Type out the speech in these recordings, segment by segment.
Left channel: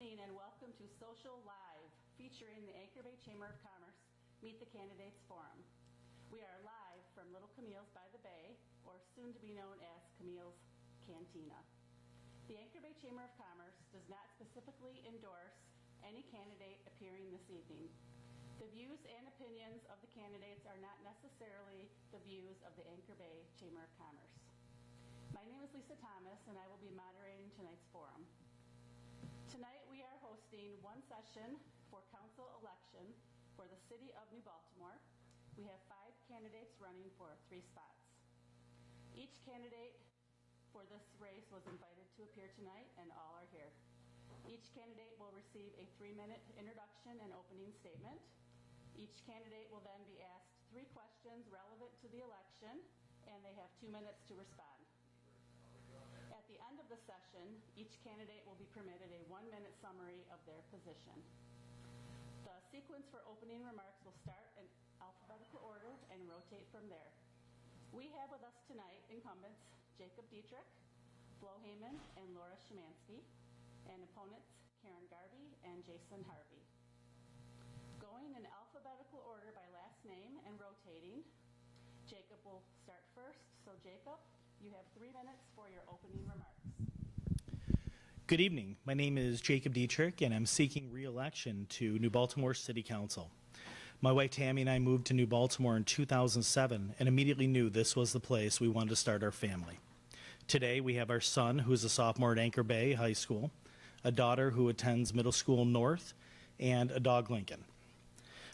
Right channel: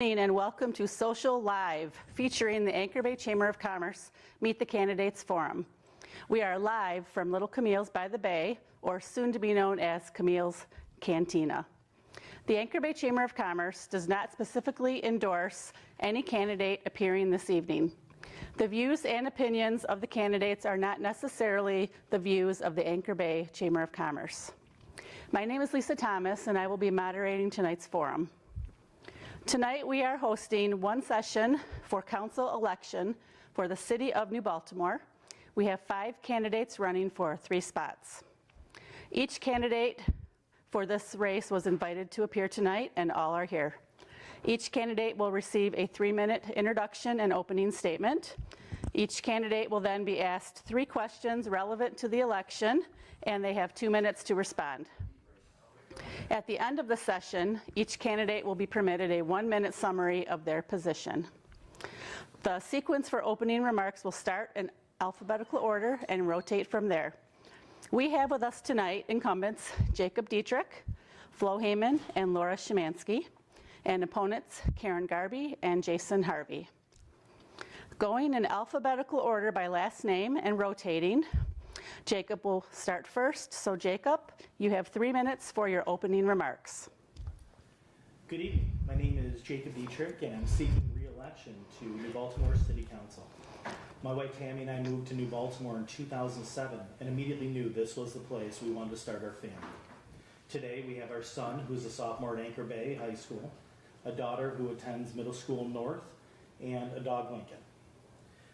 And welcome to Social Live, featuring the Anchor Bay Chamber of Commerce Meet the Candidates Forum. We are live from Little Camille's by the Bay, or soon to be known as Camille's Cantina. The Anchor Bay Chamber of Commerce does not specifically endorse any candidate appearing this evening. The views and opinions of the candidates are not necessarily the views of the Anchor Bay Chamber of Commerce. My name is Lisa Thomas, and I will be moderating tonight's forum. Tonight we are hosting one session for council election for the City of New Baltimore. We have 5 candidates running for 3 spots. Each candidate for this race was invited to appear tonight, and all are here. Each candidate will receive a 3-minute introduction and opening statement. Each candidate will then be asked 3 questions relevant to the election, and they have 2 minutes to respond. At the end of the session, each candidate will be permitted a 1-minute summary of their position. The sequence for opening remarks will start in alphabetical order and rotate from there. We have with us tonight incumbents Jacob Dietrich, Flo Heyman, and Laura Szymanski, and opponents Karen Garby and Jason Harvey. Going in alphabetical order by last name and rotating, Jacob will start first. So Jacob, you have 3 minutes for your opening remarks. Good evening. My name is Jacob Dietrich, and I'm seeking re-election to New Baltimore City Council. My wife Tammy and I moved to New Baltimore in 2007 and immediately knew this was the place we wanted to start our family. Today we have our son, who is a sophomore at Anchor Bay High School, a daughter who attends Middle School North, and a dog, Lincoln.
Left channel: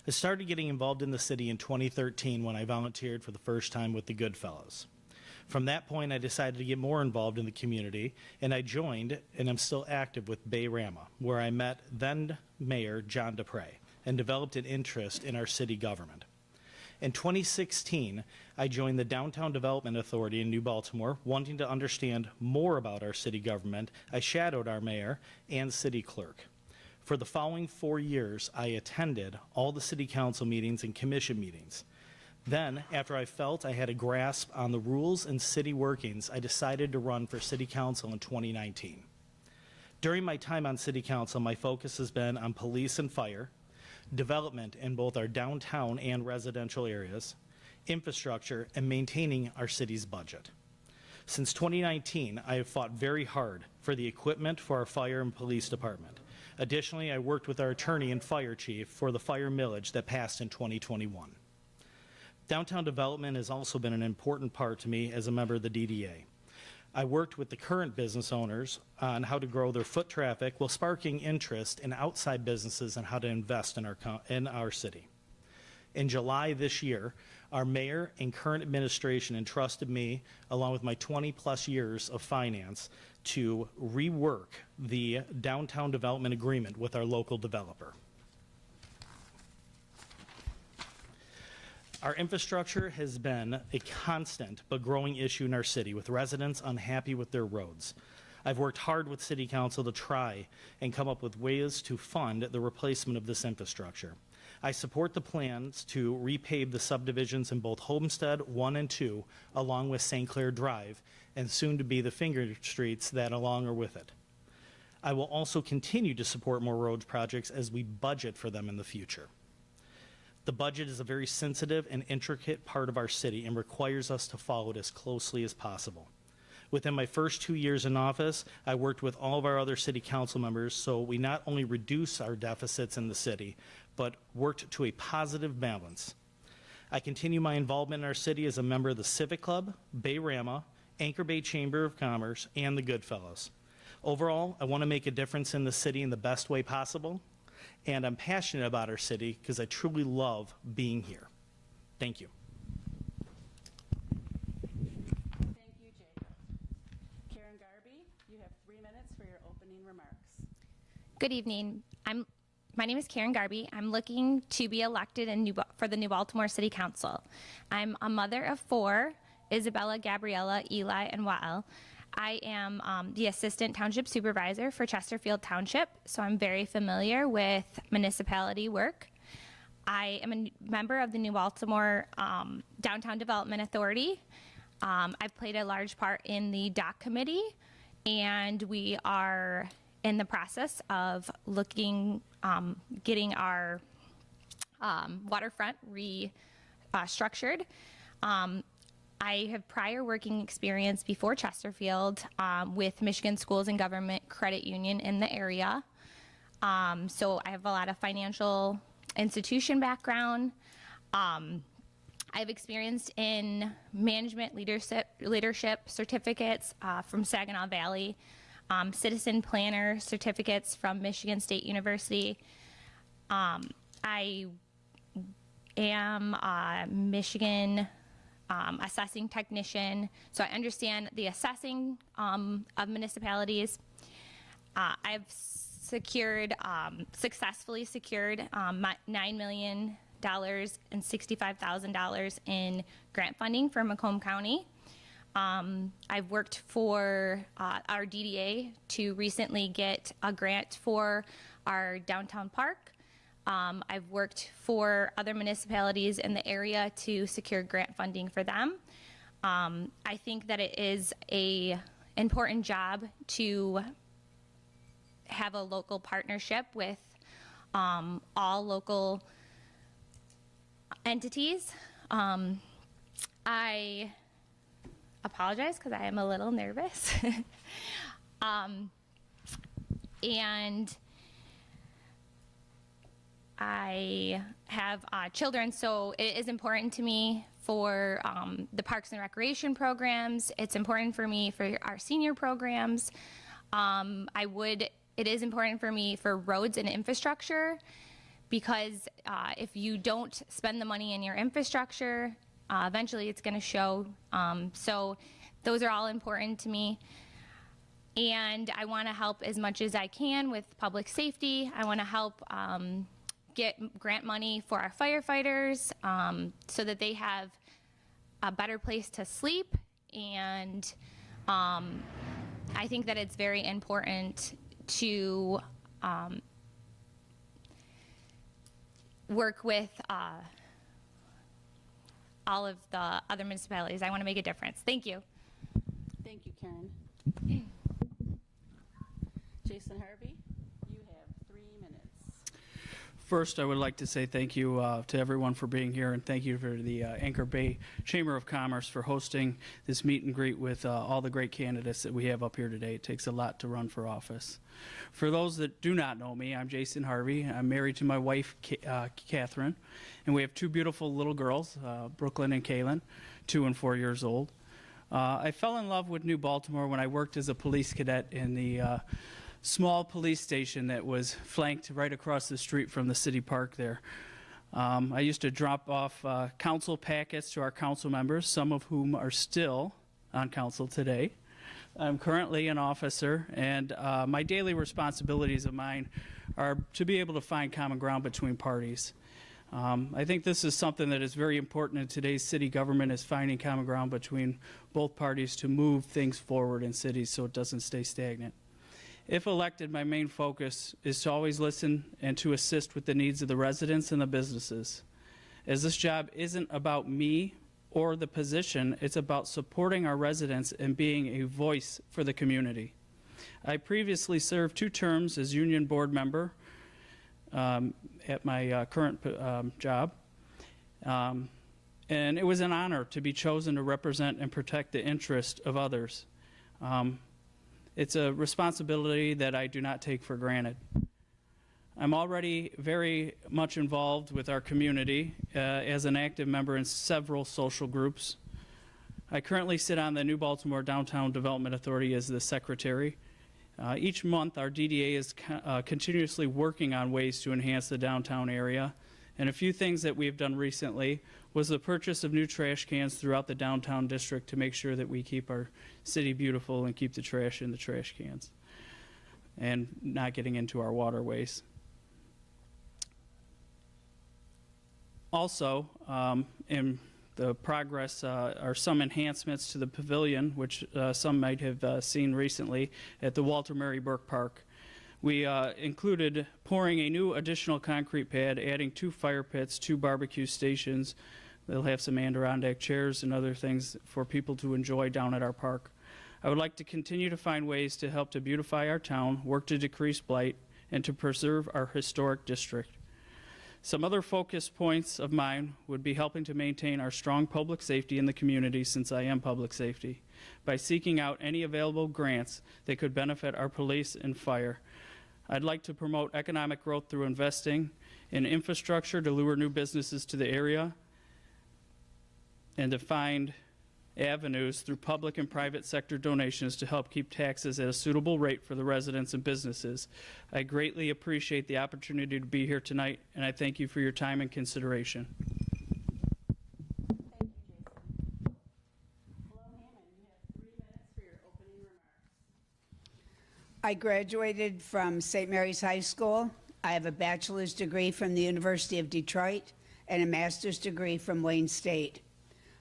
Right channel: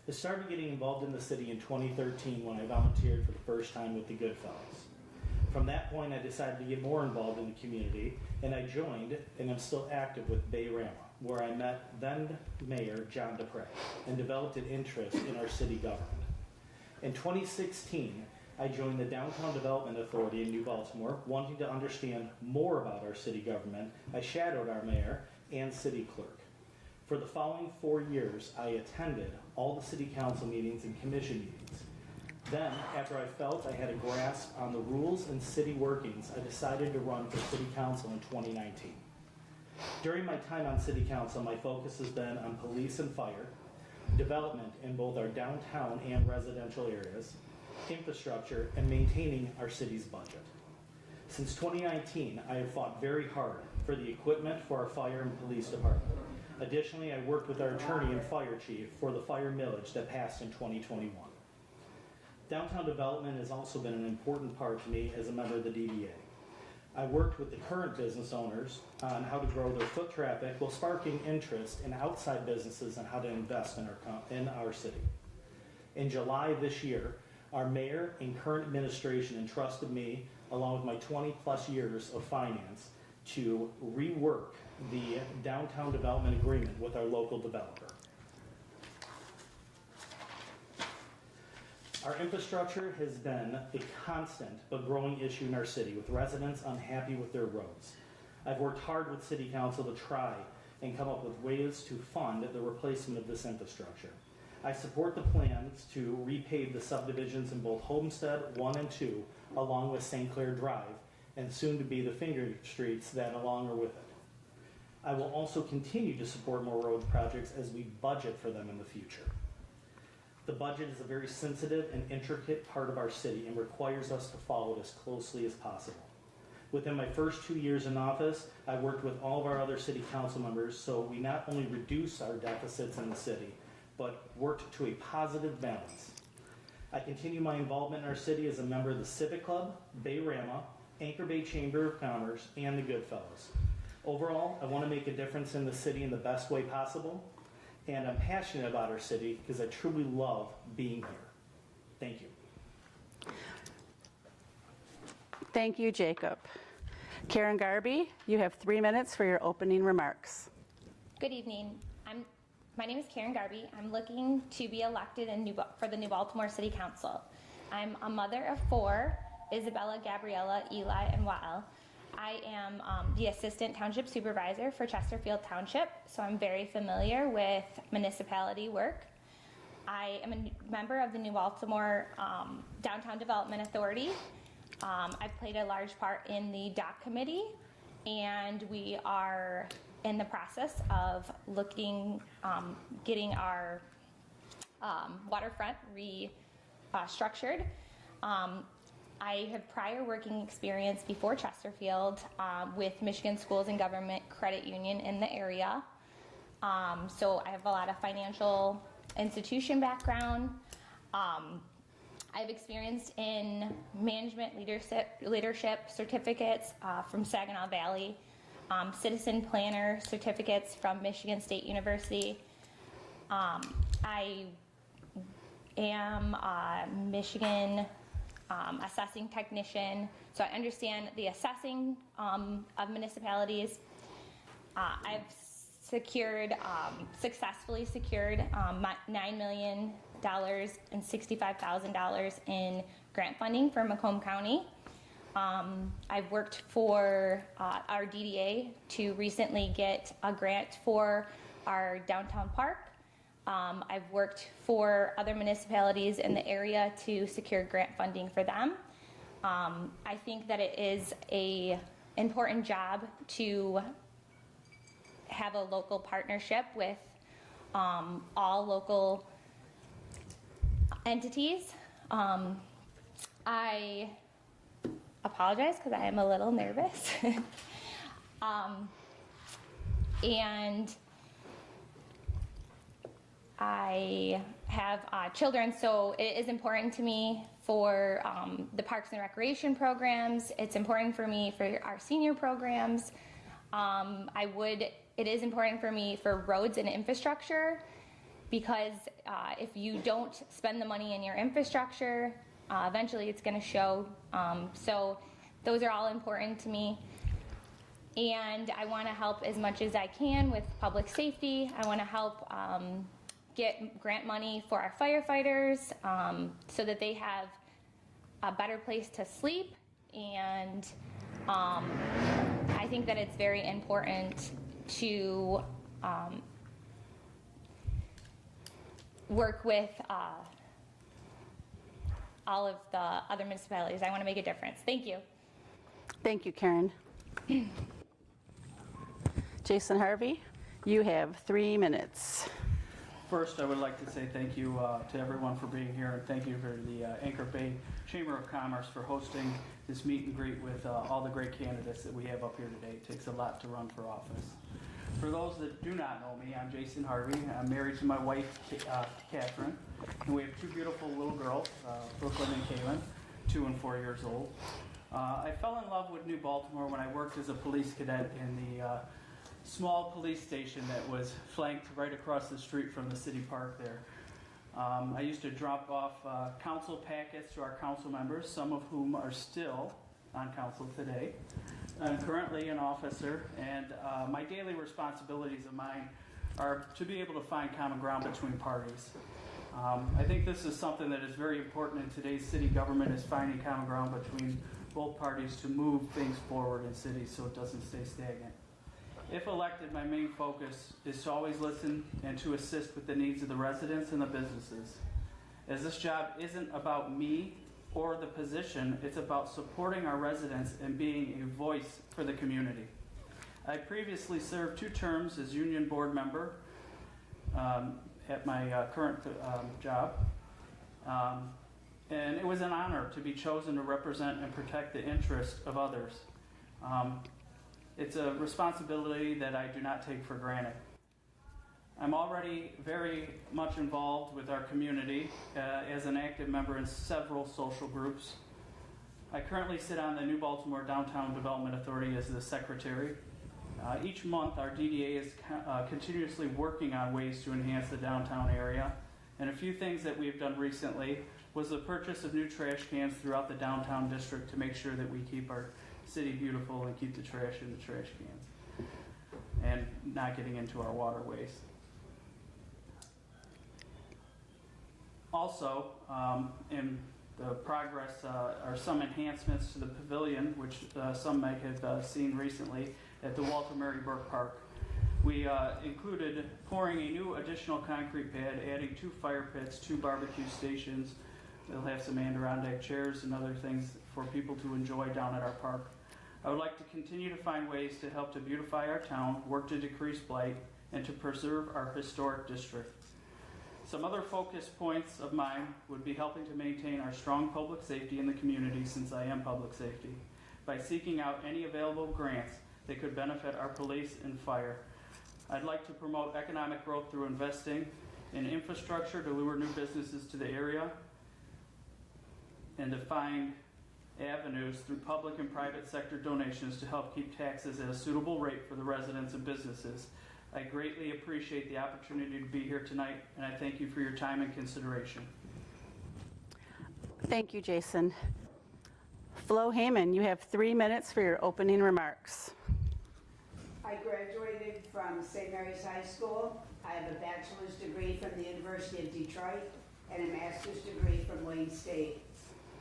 I started getting involved in the city in 2013 when I volunteered for the first time with the Goodfellows. From that point, I decided to get more involved in the community, and I joined, and I'm still active with Bay Rama, where I met then Mayor John DePrey and developed an interest in our city government. In 2016, I joined the Downtown Development Authority in New Baltimore, wanting to understand more about our city government. I shadowed our mayor and city clerk. For the following 4 years, I attended all the city council meetings and commission meetings. Then, after I felt I had a grasp on the rules and city workings, I decided to run for city council in 2019. During my time on city council, my focus has been on police and fire, development in both our downtown and residential areas, infrastructure, and maintaining our city's budget. Since 2019, I have fought very hard for the equipment for our fire and police department. Additionally, I worked with our attorney and fire chief for the fire millage that passed in 2021. Downtown development has also been an important part to me as a member of the DDA. I worked with the current business owners on how to grow their foot traffic while sparking interest in outside businesses and how to invest in our city. In July this year, our mayor and current administration entrusted me, along with my 20-plus years of finance, to rework the downtown development agreement with our local developer. Our infrastructure has been a constant but growing issue in our city, with residents unhappy with their roads. I've worked hard with City Council to try and come up with ways to fund the replacement of this infrastructure. I support the plans to repave the subdivisions in both Homestead 1 and 2, along with St. Clair Drive, and soon to be the finger streets that along are with it. I will also continue to support more road projects as we budget for them in the future. The budget is a very sensitive and intricate part of our city and requires us to follow it as closely as possible. Within my first 2 years in office, I worked with all of our other city council members so we not only reduce our deficits in the city, but worked to a positive balance. I continue my involvement in our city as a member of the Civic Club, Bay Rama, Anchor Bay Chamber of Commerce, and the Goodfellows. Overall, I want to make a difference in the city in the best way possible, and I'm passionate about our city because I truly love being here. Thank you. Thank you, Jacob. Karen Garby, you have 3 minutes for your opening remarks. Good evening. My name is Karen Garby. I'm looking to be elected for the New Baltimore City Council. I'm a mother of 4, Isabella, Gabriella, Eli, and Wael. I am the Assistant Township Supervisor for Chesterfield Township, so I'm very familiar with municipality work. I am a member of the New Baltimore Downtown Development Authority. I played a large part in the DOC committee, and we are in the process of getting our waterfront restructured. I have prior working experience before Chesterfield with Michigan Schools and Government Credit Union in the area. So I have a lot of financial institution background. I have experience in management leadership certificates from Saginaw Valley, citizen planner certificates from Michigan State University. I am a Michigan assessing technician, so I understand the assessing of municipalities. I've successfully secured $9 million and $65,000 in grant funding for Macomb County. I've worked for our DDA to recently get a grant for our downtown park. I've worked for other municipalities in the area to secure grant funding for them. I think that it is an important job to have a local partnership with all local entities. I apologize because I am a little nervous. And I have children, so it is important to me for the Parks and Recreation programs. It's important for me for our senior programs. It is important for me for roads and infrastructure, because if you don't spend the money in your infrastructure, eventually it's going to show. So those are all important to me. And I want to help as much as I can with public safety. I want to help get grant money for our firefighters so that they have a better place to sleep. And I think that it's very important to work with all of the other municipalities. I want to make a difference. Thank you. Thank you, Karen. Jason Harvey, you have 3 minutes. First, I would like to say thank you to everyone for being here, and thank you for the Anchor Bay Chamber of Commerce for hosting this meet and greet with all the great candidates that we have up here today. It takes a lot to run for office. For those that do not know me, I'm Jason Harvey. I'm married to my wife, Catherine, and we have 2 beautiful little girls, Brooklyn and Kaylin, 2 and 4 years old. I fell in love with New Baltimore when I worked as a police cadet in the small police station that was flanked right across the street from the city park there. I used to drop off council packets to our council members, some of whom are still on council today. I'm currently an officer, and my daily responsibilities of mine are to be able to find common ground between parties. I think this is something that is very important in today's city government, is finding common ground between both parties to move things forward in cities so it doesn't stay stagnant. If elected, my main focus is to always listen and to assist with the needs of the residents and the businesses. As this job isn't about me or the position, it's about supporting our residents and being a voice for the community. I previously served 2 terms as union board member at my current job. And it was an honor to be chosen to represent and protect the interest of others. It's a responsibility that I do not take for granted. I'm already very much involved with our community as an active member in several social groups. I currently sit on the New Baltimore Downtown Development Authority as the secretary. Each month, our DDA is continuously working on ways to enhance the downtown area. And a few things that we've done recently was the purchase of new trash cans throughout the downtown district to make sure that we keep our city beautiful and keep the trash in the trash cans and not getting into our waterways. Also, in the progress are some enhancements to the pavilion, which some might have seen recently at the Walter Mary Burke Park. We included pouring a new additional concrete pad, adding 2 fire pits, 2 barbecue stations. They'll have some Adirondack chairs and other things for people to enjoy down at our park. I would like to continue to find ways to help to beautify our town, work to decrease blight, and to preserve our historic district. Some other focus points of mine would be helping to maintain our strong public safety in the community, since I am public safety, by seeking out any available grants that could benefit our police and fire. I'd like to promote economic growth through investing in infrastructure to lure new businesses to the area, and to find avenues through public and private sector donations to help keep taxes at a suitable rate for the residents and businesses. I greatly appreciate the opportunity to be here tonight, and I thank you for your time and consideration. Thank you, Jason. Flo Heyman, you have 3 minutes for your opening remarks. I graduated from St. Mary's High School. I have a bachelor's degree from the University of Detroit and a master's degree from Wayne State.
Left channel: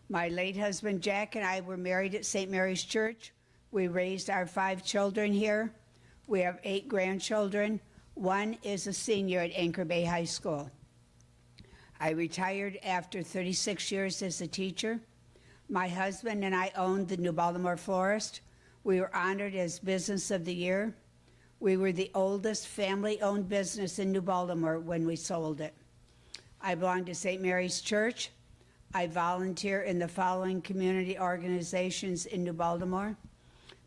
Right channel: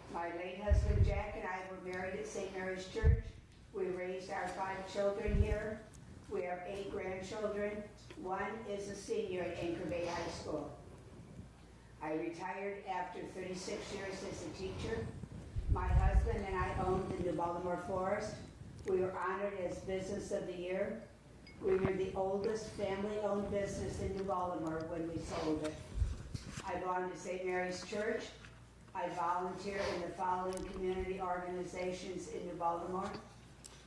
My late husband Jack and I were married at St. Mary's Church. We raised our 5 children here. We have 8 grandchildren. 1 is a senior at Anchor Bay High School. I retired after 36 years as a teacher. My husband and I owned the New Baltimore Florist. We were honored as Business of the Year. We were the oldest family-owned business in New Baltimore when we sold it. I belong to St. Mary's Church. I volunteer in the following community organizations in New Baltimore:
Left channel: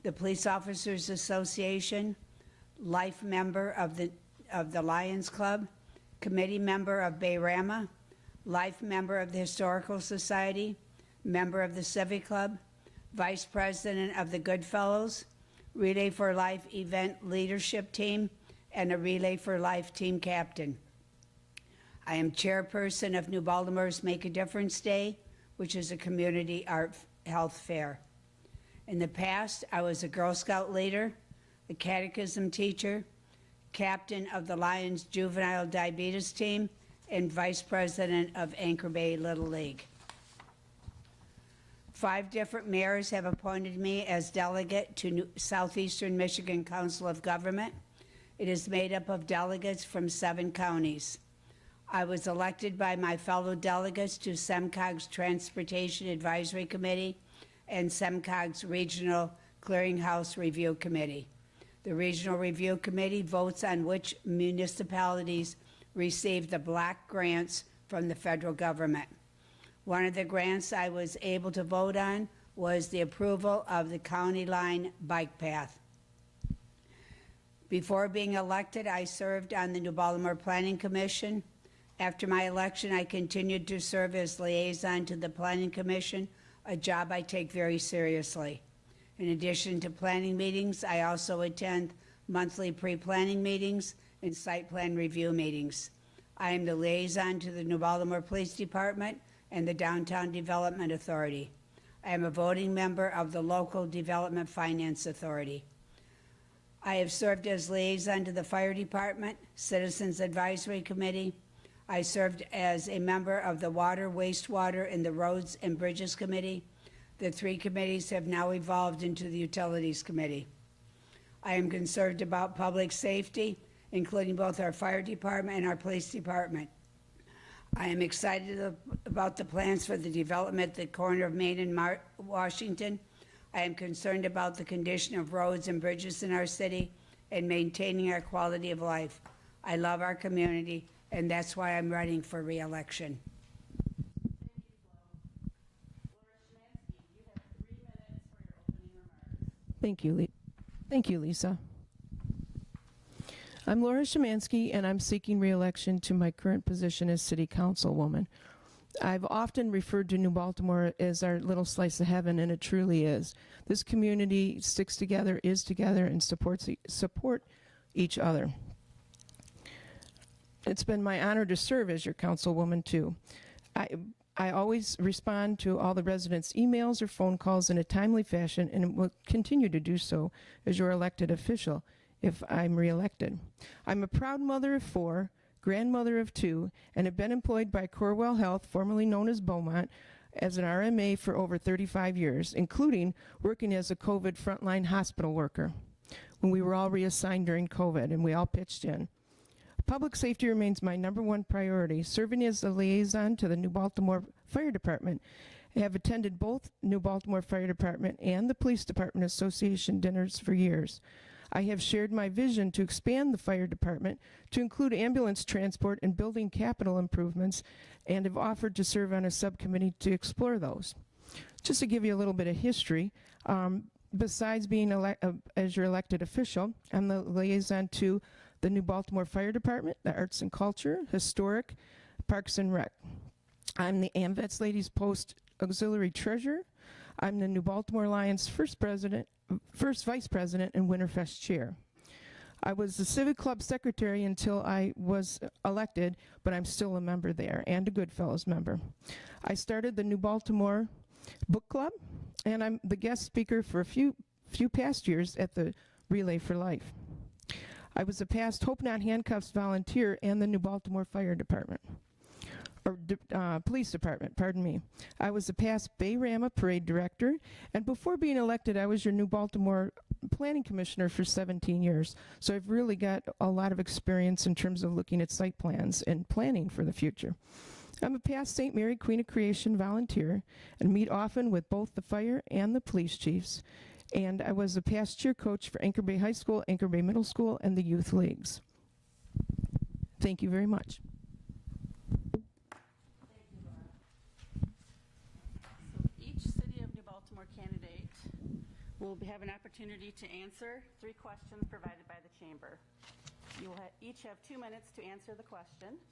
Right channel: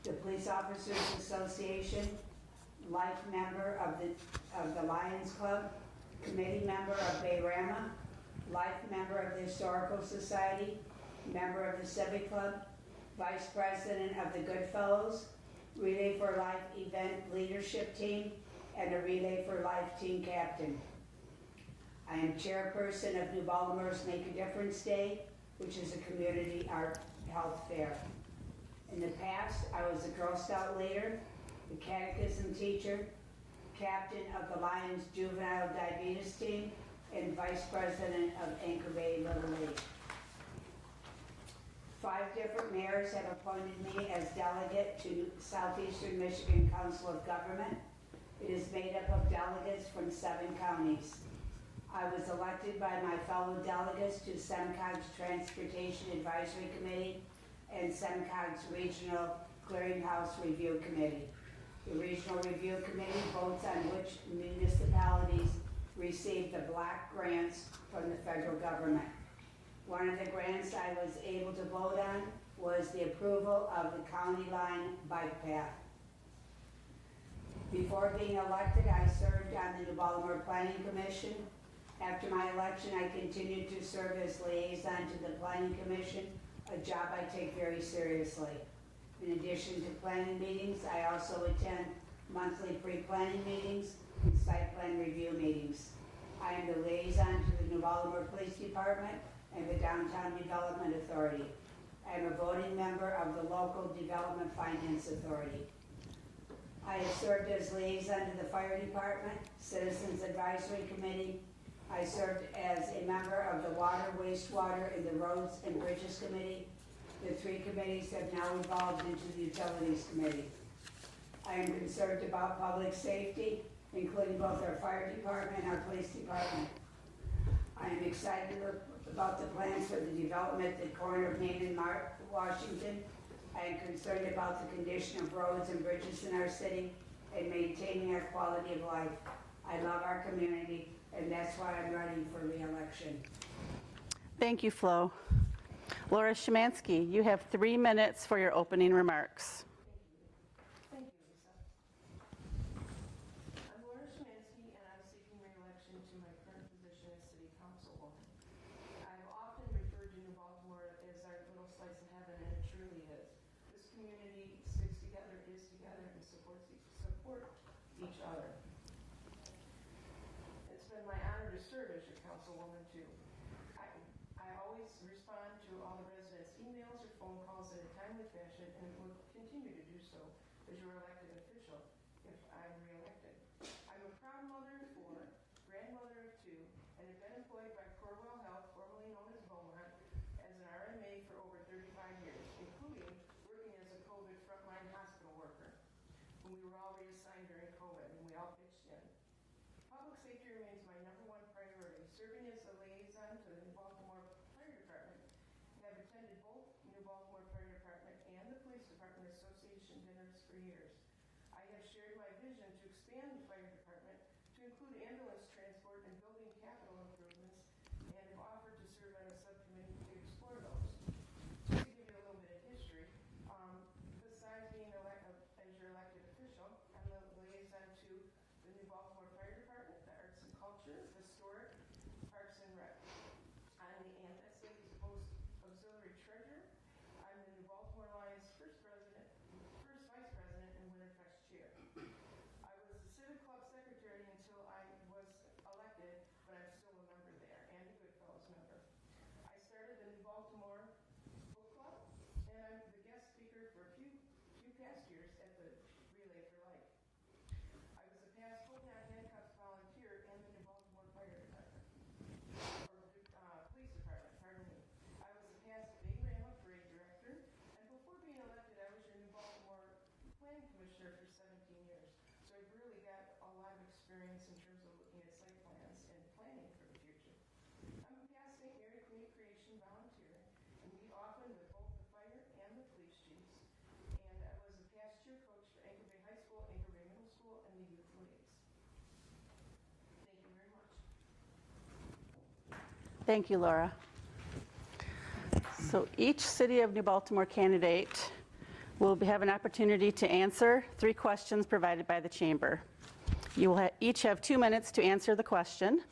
the Police Officers Association, life member of the Lions Club, committee member of Bayrama, life member of the Historical Society, member of the Civic Club, vice president of the Goodfellows, Relay for Life event leadership team, and a Relay for Life team captain. I am chairperson of New Baltimore's Make a Difference Day, which is a community art health fair. In the past, I was a Girl Scout leader, a catechism teacher, captain of the Lions Juvenile Diabetes team, and vice president of Anchor Bay Little League. 5 different mayors have appointed me as delegate to Southeastern Michigan Council of Government. It is made up of delegates from 7 counties. I was elected by my fellow delegates to SEMCOG's Transportation Advisory Committee and SEMCOG's Regional Clearinghouse Review Committee. The Regional Review Committee votes on which municipalities receive the block grants from the federal government. One of the grants I was able to vote on was the approval of the County Line Bike Path. Before being elected, I served on the New Baltimore Planning Commission. After my election, I continued to serve as liaison to the Planning Commission, a job I take very seriously. In addition to planning meetings, I also attend monthly pre-planning meetings and site plan review meetings. I am the liaison to the New Baltimore Police Department and the Downtown Development Authority. I am a voting member of the Local Development Finance Authority. I have served as liaison to the Fire Department, Citizens Advisory Committee. I served as a member of the Water, Wastewater, and the Roads and Bridges Committee. The 3 committees have now evolved into the Utilities Committee. I am concerned about public safety, including both our fire department and our police department. I am excited about the plans for the development at the corner of Main and Washington. I am concerned about the condition of roads and bridges in our city and maintaining our quality of life. I love our community, and that's why I'm running for re-election. Thank you, Flo. Laura Szymanski, you have 3 minutes for your opening remarks. Thank you, Lisa. I'm Laura Szymanski, and I'm seeking re-election to my current position as City Councilwoman. I've often referred to New Baltimore as our little slice of heaven, and it truly is. This community sticks together, is together, and support each other. It's been my honor to serve as your councilwoman, too. I always respond to all the residents' emails or phone calls in a timely fashion, and will continue to do so as your elected official if I'm reelected. I'm a proud mother of 4, grandmother of 2, and have been employed by Corewell Health, formerly known as Beaumont, as an RMA for over 35 years, including working as a COVID frontline hospital worker when we were all reassigned during COVID and we all pitched in. Public safety remains my #1 priority. Serving as the liaison to the New Baltimore Fire Department I have attended both New Baltimore Fire Department and the Police Department Association dinners for years. I have shared my vision to expand the fire department to include ambulance transport and building capital improvements, and have offered to serve on a subcommittee to explore those. Just to give you a little bit of history, besides being as your elected official, I'm the liaison to the New Baltimore Fire Department, the Arts and Culture, Historic, Parks and Rec. I'm the AMVETS Ladies Post Auxiliary Treasurer. I'm the New Baltimore Lions first Vice President, and Winterfest Chair. I was the Civic Club Secretary until I was elected, but I'm still a member there and a Goodfellows member. I started the New Baltimore Book Club, and I'm the guest speaker for a few past years at the Relay for Life. I was a past Hope Not Handcuffs volunteer and the New Baltimore Fire Department. Police Department, pardon me. I was a past Bayrama Parade Director, and before being elected, I was your New Baltimore Planning Commissioner for 17 years. So I've really got a lot of experience in terms of looking at site plans and planning for the future. I'm a past St. Mary Queen of Creation volunteer and meet often with both the fire and the police chiefs. And I was a past cheer coach for Anchor Bay High School, Anchor Bay Middle School, and the youth leagues. Thank you very much. Thank you, Laura. So each City of New Baltimore candidate will have an opportunity to answer 3 questions provided by the Chamber. You will each have 2 minutes to answer the question.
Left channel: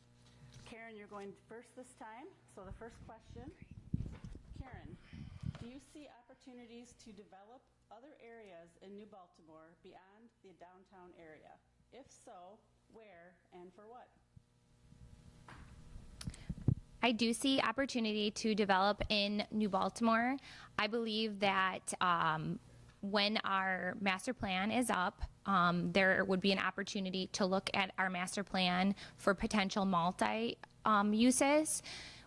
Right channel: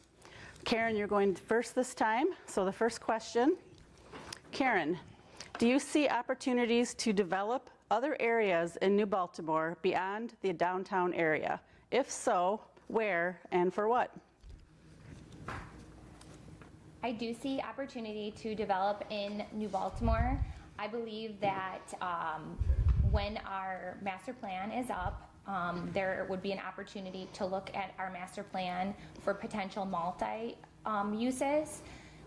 Karen, you're going first this time. So the first question, Karen, do you see opportunities to develop other areas in New Baltimore beyond the downtown area? If so, where and for what? I do see opportunity to develop in New Baltimore. I believe that when our master plan is up, there would be an opportunity to look at our master plan for potential multi-uses.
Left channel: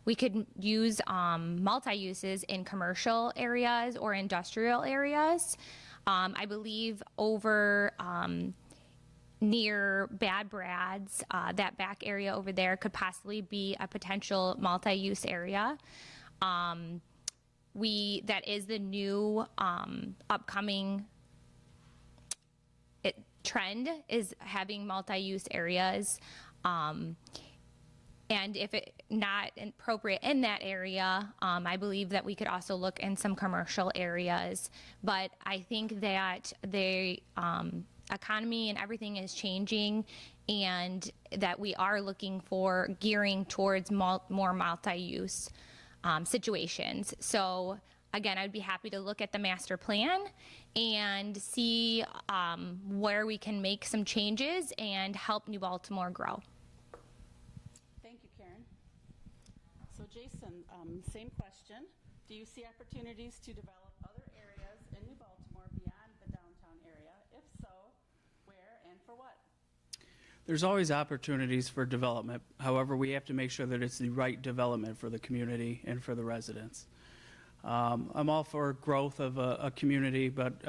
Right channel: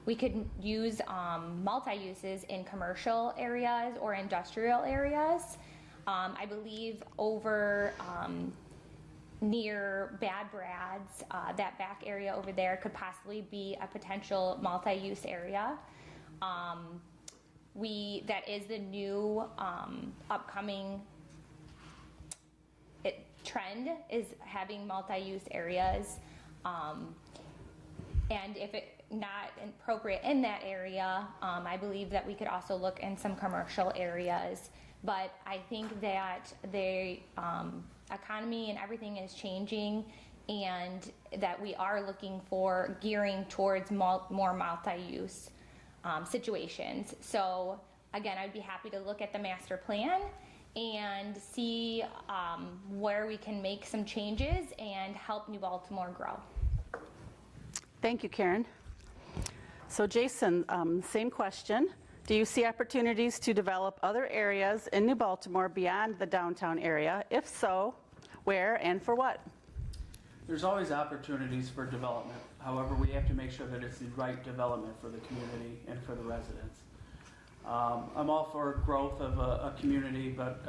We could use multi-uses in commercial areas or industrial areas. I believe over near Bad Brad's, that back area over there could possibly be a potential multi-use area. That is the new upcoming trend, is having multi-use areas. And if it not appropriate in that area, I believe that we could also look in some commercial areas. But I think that the economy and everything is changing, and that we are looking for gearing towards more multi-use situations. So again, I'd be happy to look at the master plan and see where we can make some changes and help New Baltimore grow. Thank you, Karen. So Jason, same question. Do you see opportunities to develop other areas in New Baltimore beyond the downtown area? If so, where and for what? There's always opportunities for development. However, we have to make sure that it's the right development for the community and for the residents. I'm all for growth of a community, but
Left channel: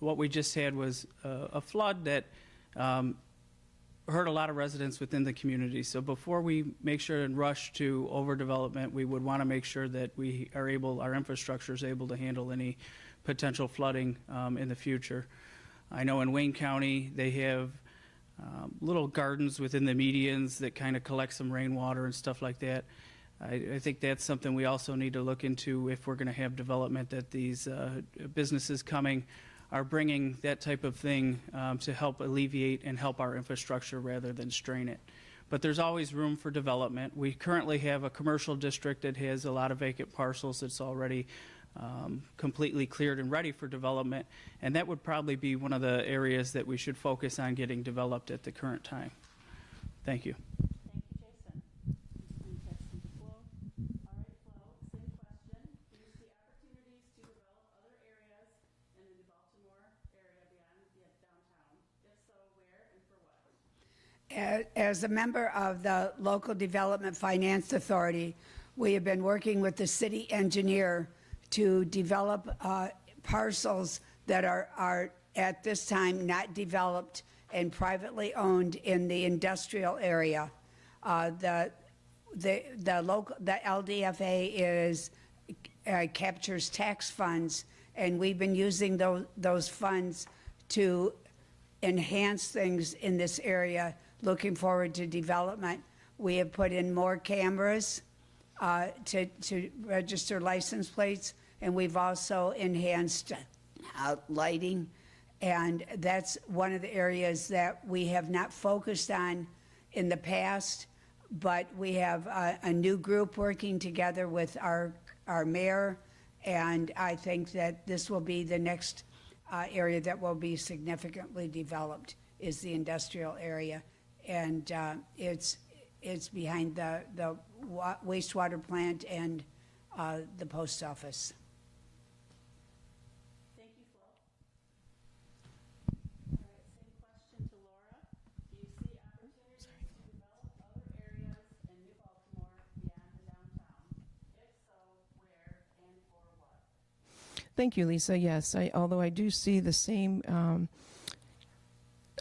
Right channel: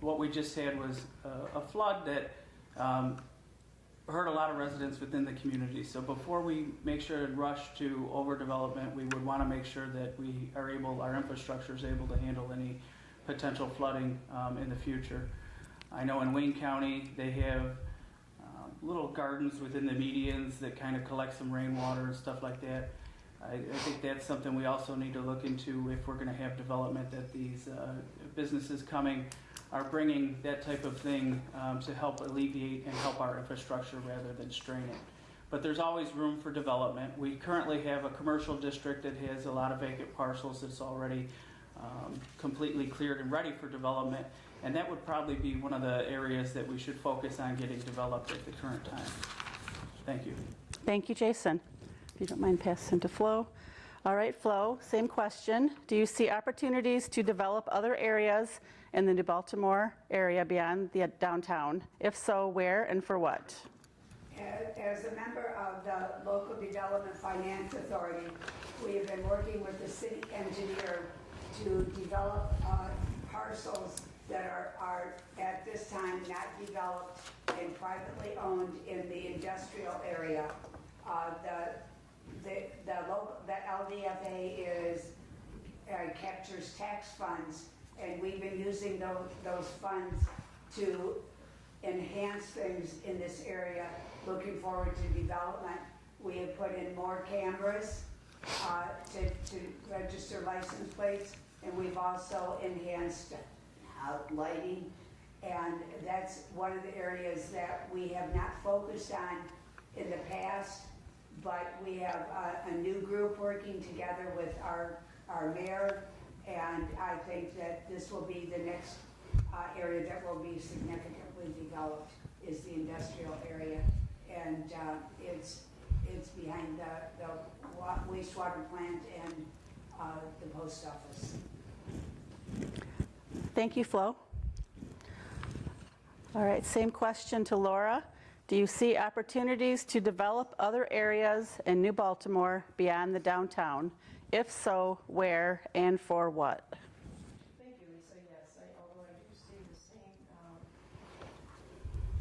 what we just had was a flood that hurt a lot of residents within the community. So before we make sure and rush to overdevelopment, we would want to make sure that we are able, our infrastructure is able to handle any potential flooding in the future. I know in Wayne County, they have little gardens within the medians that kind of collect some rainwater and stuff like that. I think that's something we also need to look into if we're going to have development, that these businesses coming are bringing that type of thing to help alleviate and help our infrastructure rather than strain it. But there's always room for development. We currently have a commercial district that has a lot of vacant parcels that's already completely cleared and ready for development, and that would probably be one of the areas that we should focus on getting developed at the current time. Thank you. Thank you, Jason. If you don't mind passing to Flo. All right, Flo, same question. Do you see opportunities to develop other areas in the New Baltimore area beyond the downtown? If so, where and for what? As a member of the Local Development Finance Authority, we have been working with the city engineer to develop parcels that are at this time not developed and privately owned in the industrial area. The LDFA is captures tax funds, and we've been using those funds to enhance things in this area, looking forward to development. We have put in more cameras to register license plates, and we've also enhanced lighting. And that's one of the areas that we have not focused on in the past, but we have a new group working together with our mayor, and I think that this will be the next area that will be significantly developed, is the industrial area. And it's behind the wastewater plant and the post office. Thank you, Flo. All right, same question to Laura. Do you see opportunities to develop other areas in New Baltimore beyond the downtown? If so, where and for what? Thank you, Lisa. Yes, although I do see the same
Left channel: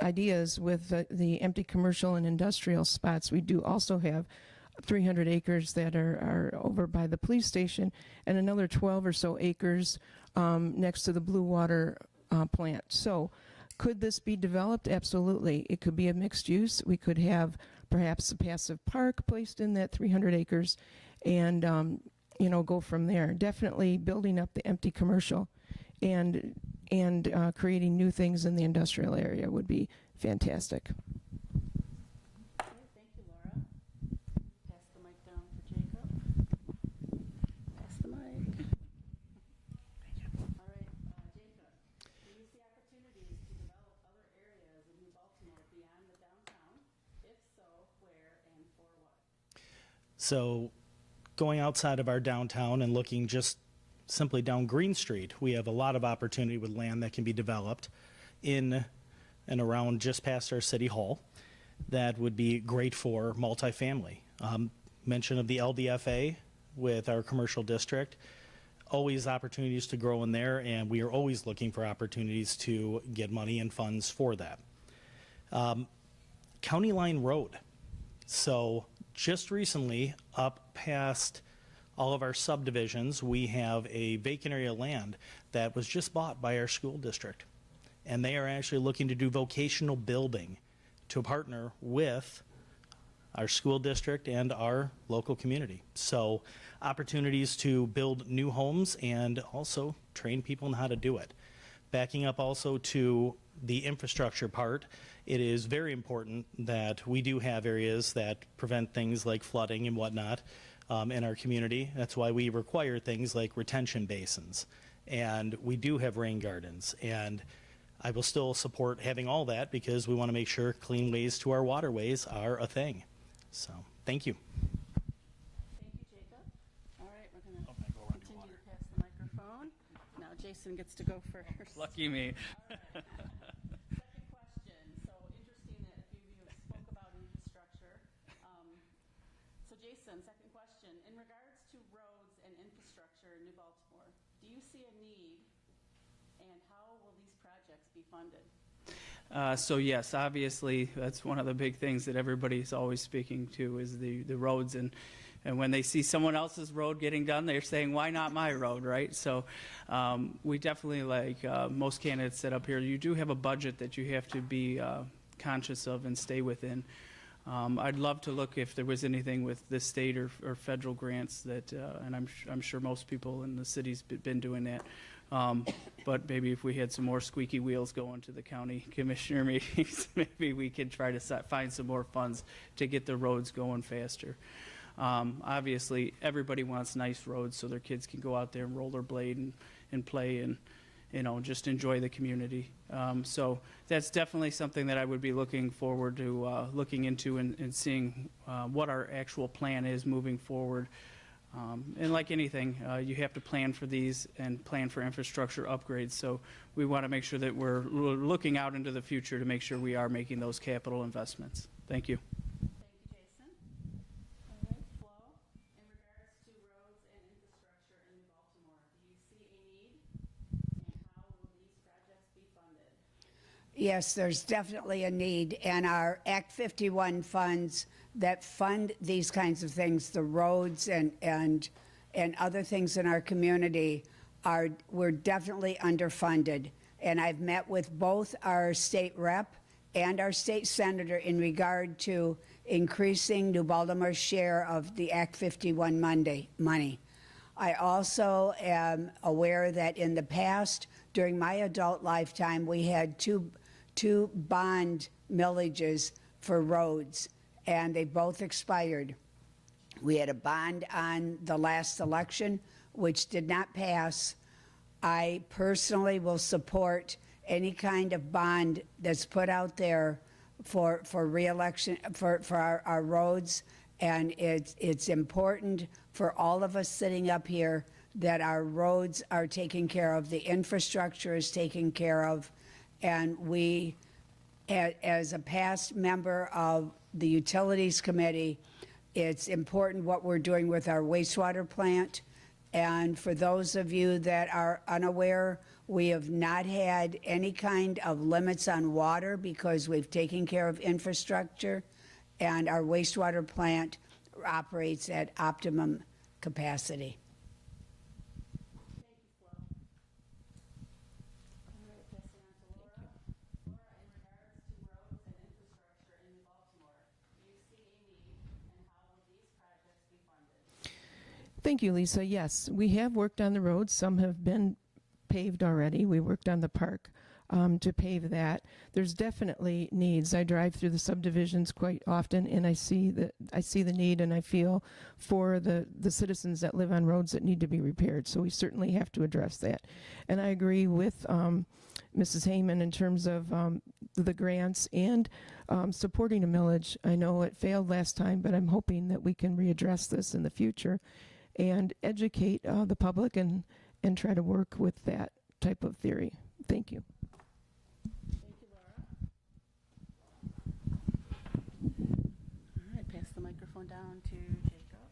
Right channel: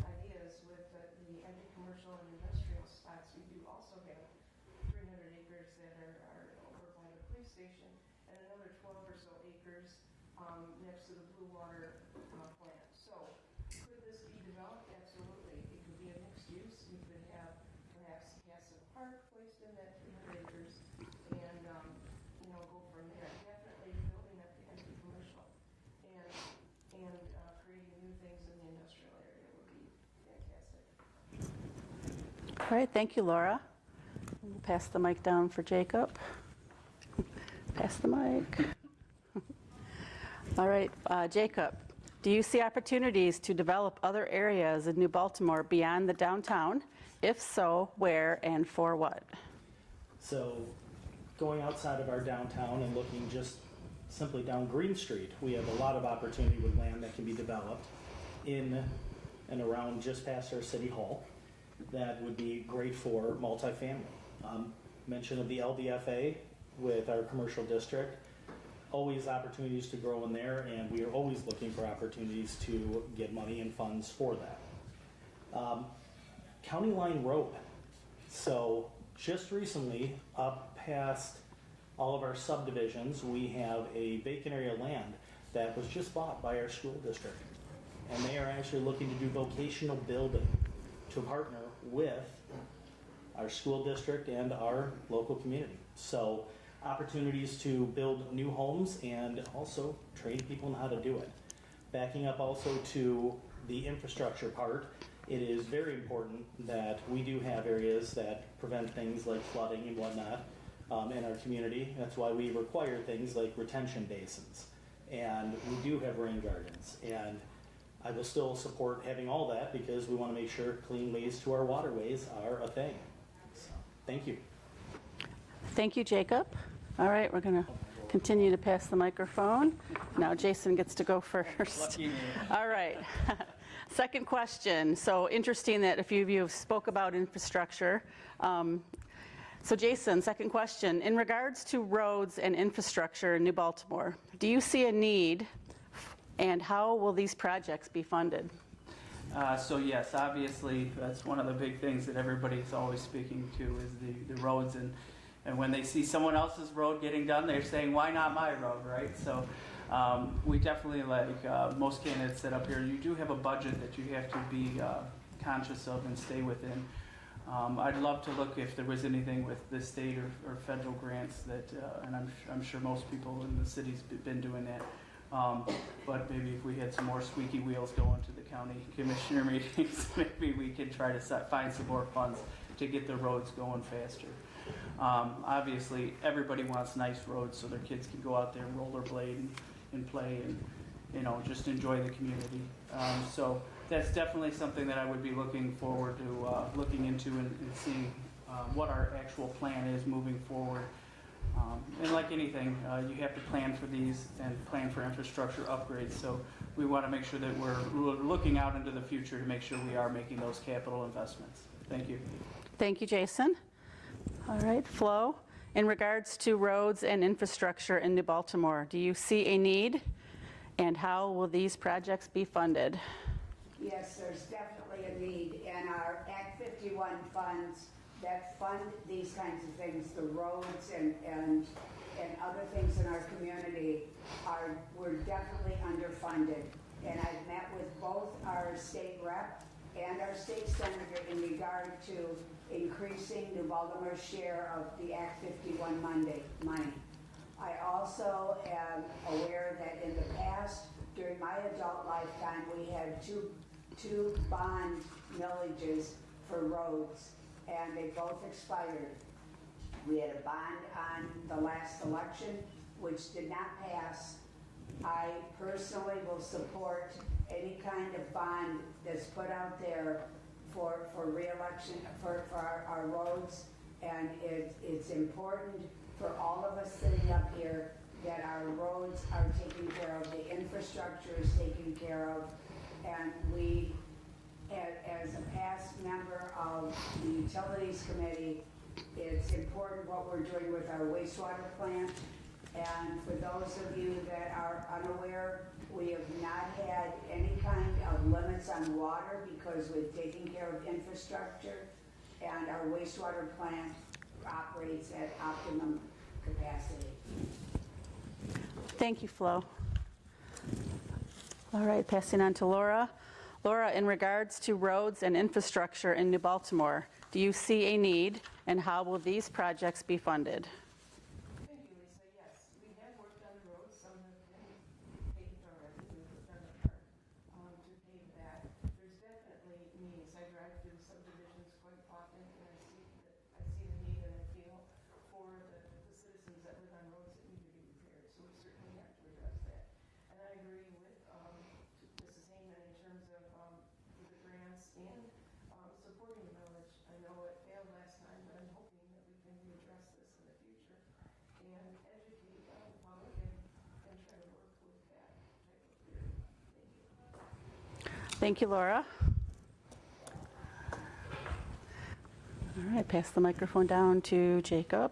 ideas with the empty commercial and industrial spots, we do also have 300 acres that are over by the police station and another 12 or so acres next to the Blue Water plant. So could this be developed? Absolutely. It could be a mixed use. We could have perhaps a passive park placed in that 300 acres and go from there. Definitely building up the empty commercial and creating new things in the industrial area would be fantastic. All right, thank you, Laura. We'll pass the mic down for Jacob. Pass the mic. All right, Jacob, do you see opportunities to develop other areas in New Baltimore beyond the downtown? If so, where and for what? So going outside of our downtown and looking just simply down Green Street, we have a lot of opportunity with land that can be developed in and around just past our city hall that would be great for multifamily. Mention of the LDFA with our commercial district, always opportunities to grow in there, and we are always looking for opportunities to get money and funds for that. County Line Road. So just recently, up past all of our subdivisions, we have a vacant area of land that was just bought by our school district. And they are actually looking to do vocational building to partner with our school district and our local community. So opportunities to build new homes and also train people on how to do it. Backing up also to the infrastructure part, it is very important that we do have areas that prevent things like flooding and whatnot in our community. That's why we require things like retention basins. And we do have rain gardens. And I will still support having all that because we want to make sure clean ways to our waterways are a thing. So, thank you. Thank you, Jacob. All right, we're going to continue to pass the microphone. Now Jason gets to go first. Lucky me. All right. Second question. So interesting that a few of you have spoke about infrastructure. So Jason, second question. In regards to roads and infrastructure in New Baltimore, do you see a need and how will these projects be funded? So yes, obviously, that's one of the big things that everybody's always speaking to is the roads. And when they see someone else's road getting done, they're saying, why not my road, right? So we definitely, like most candidates that up here, you do have a budget that you have to be conscious of and stay within. I'd love to look if there was anything with the state or federal grants that, and I'm sure most people in the city's been doing that. But maybe if we had some more squeaky wheels going to the county commissioner meetings, maybe we could try to find some more funds to get the roads going faster. Obviously, everybody wants nice roads so their kids can go out there and rollerblade and play and, just enjoy the community. So that's definitely something that I would be looking forward to looking into and seeing what our actual plan is moving forward. And like anything, you have to plan for these and plan for infrastructure upgrades. So we want to make sure that we're looking out into the future to make sure we are making those capital investments. Thank you. Thank you, Jason. All right, Flo, in regards to roads and infrastructure in New Baltimore, do you see a need and how will these projects be funded? Yes, there's definitely a need, and our Act 51 funds that fund these kinds of things, the roads and and other things in our community we're definitely underfunded. And I've met with both our state rep and our state senator in regard to increasing New Baltimore's share of the Act 51 money. I also am aware that in the past, during my adult lifetime, we had two bond millages for roads, and they both expired. We had a bond on the last election, which did not pass. I personally will support any kind of bond that's put out there for re-election, for our roads, and it's important for all of us sitting up here that our roads are taken care of, the infrastructure is taken care of, and we, as a past member of the Utilities Committee, it's important what we're doing with our wastewater plant. And for those of you that are unaware, we have not had any kind of limits on water because we've taken care of infrastructure, and our wastewater plant operates at optimum capacity. Thank you, Flo. All right, passing on to Laura. Laura, in regards to roads and infrastructure in New Baltimore, do you see a need, and how will these projects be funded? Thank you, Lisa. Yes, we have worked on the roads. Some have been paved already. We worked on the park to pave that. There's definitely needs. I drive through the subdivisions quite often, and I see the need, and I feel for the citizens that live on roads that need to be repaired. So we certainly have to address that. And I agree with Mrs. Heyman in terms of the grants and supporting a millage. I know it failed last time, but I'm hoping that we can readdress this in the future and educate the public and try to work with that type of theory. Thank you. Thank you, Laura. All right, pass the microphone down to Jacob.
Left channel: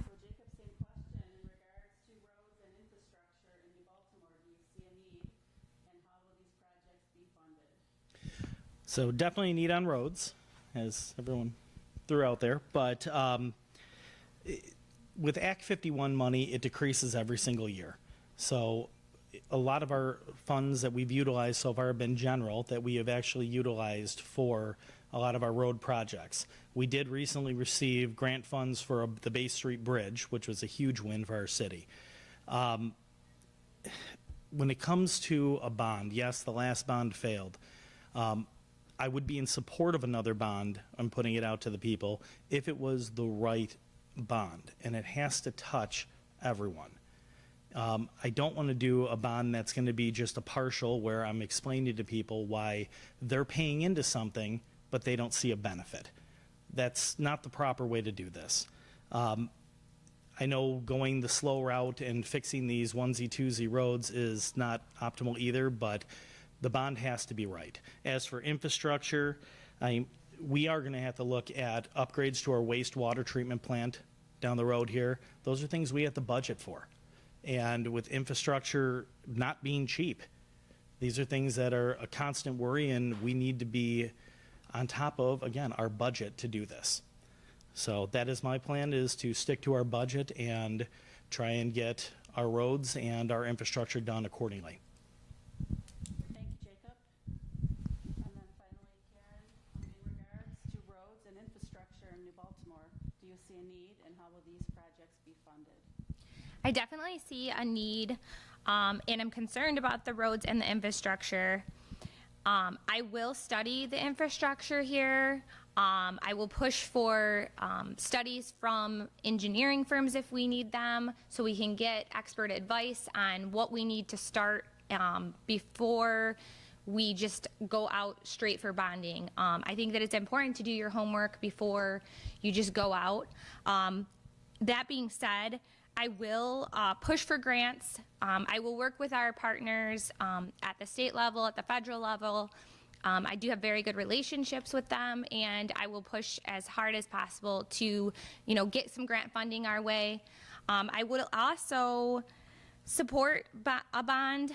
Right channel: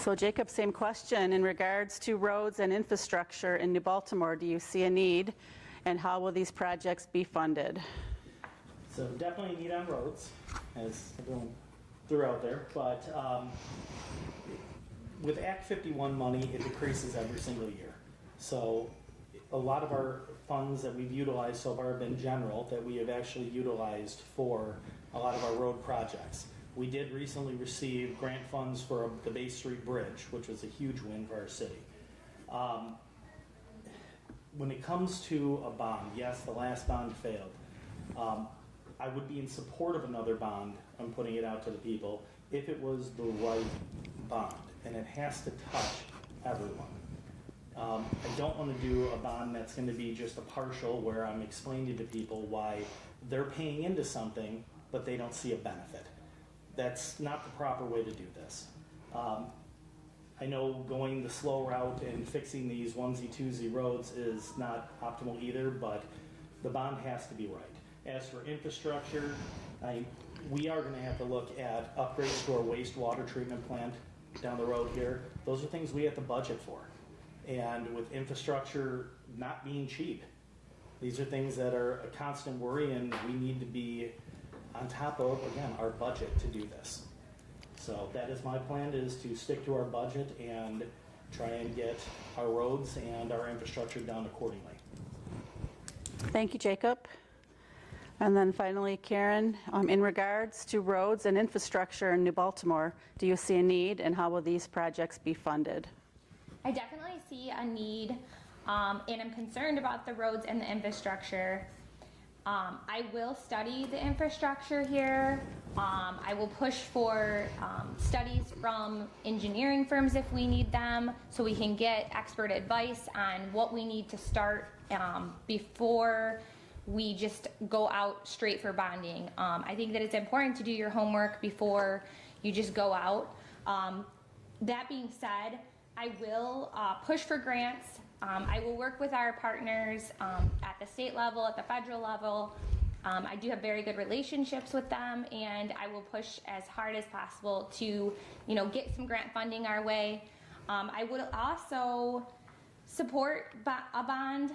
So Jacob, same question. In regards to roads and infrastructure in New Baltimore, do you see a need, and how will these projects be funded? So definitely a need on roads, as everyone threw out there, but with Act 51 money, it decreases every single year. So a lot of our funds that we've utilized so far have been general, that we have actually utilized for a lot of our road projects. We did recently receive grant funds for the Bay Street Bridge, which was a huge win for our city. When it comes to a bond, yes, the last bond failed. I would be in support of another bond, I'm putting it out to the people, if it was the right bond, and it has to touch everyone. I don't want to do a bond that's going to be just a partial, where I'm explaining to people why they're paying into something, but they don't see a benefit. That's not the proper way to do this. I know going the slow route and fixing these onesie, twosie roads is not optimal either, but the bond has to be right. As for infrastructure, we are going to have to look at upgrades to our wastewater treatment plant down the road here. Those are things we have to budget for. And with infrastructure not being cheap, these are things that are a constant worry, and we need to be on top of, again, our budget to do this. So that is my plan, is to stick to our budget and try and get our roads and our infrastructure done accordingly. Thank you, Jacob. And then finally, Karen, in regards to roads and infrastructure in New Baltimore, do you see a need, and how will these projects be funded? I definitely see a need, and I'm concerned about the roads and the infrastructure. I will study the infrastructure here. I will push for studies from engineering firms if we need them, so we can get expert advice on what we need to start before we just go out straight for bonding. I think that it's important to do your homework before you just go out. That being said, I will push for grants. I will work with our partners at the state level, at the federal level. I do have very good relationships with them, and I will push as hard as possible to, get some grant funding our way. I will also support a bond.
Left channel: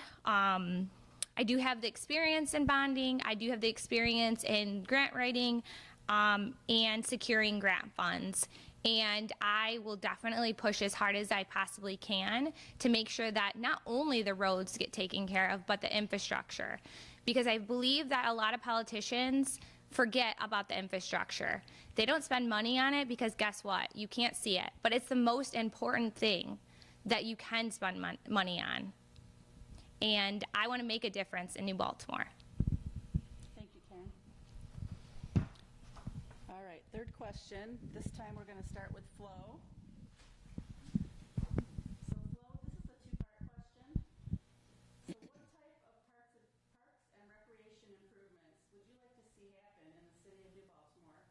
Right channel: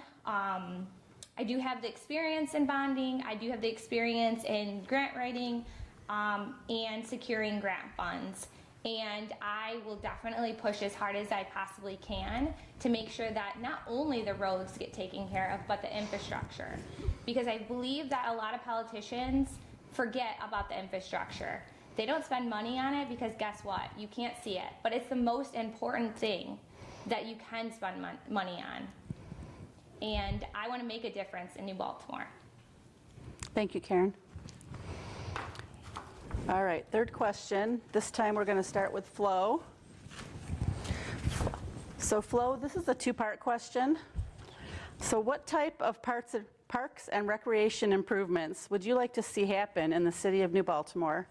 I do have the experience in bonding. I do have the experience in grant writing and securing grant funds. And I will definitely push as hard as I possibly can to make sure that not only the roads get taken care of, but the infrastructure. Because I believe that a lot of politicians forget about the infrastructure. They don't spend money on it because guess what? You can't see it. But it's the most important thing that you can spend money on. And I want to make a difference in New Baltimore. Thank you, Karen. All right, third question. This time we're going to start with Flo. So Flo, this is a two-part question. So what type of parks and recreation improvements would you like to see happen in the city of New Baltimore?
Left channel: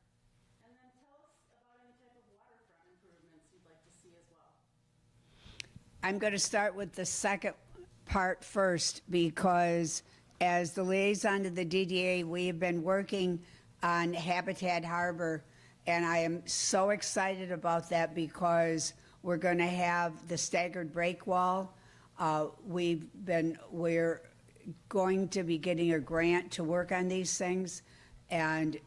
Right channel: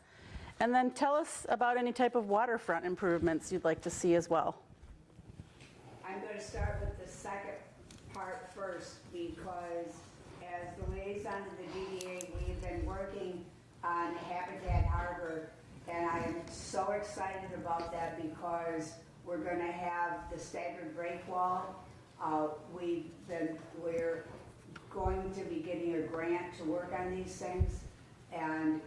And then tell us about any type of waterfront improvements you'd like to see as well. I'm going to start with the second part first, because as the liaison to the DDA, we have been working on Habitat Harbor, and I am so excited about that because we're going to have the staggered break wall. We're going to be getting a grant to work on these things, and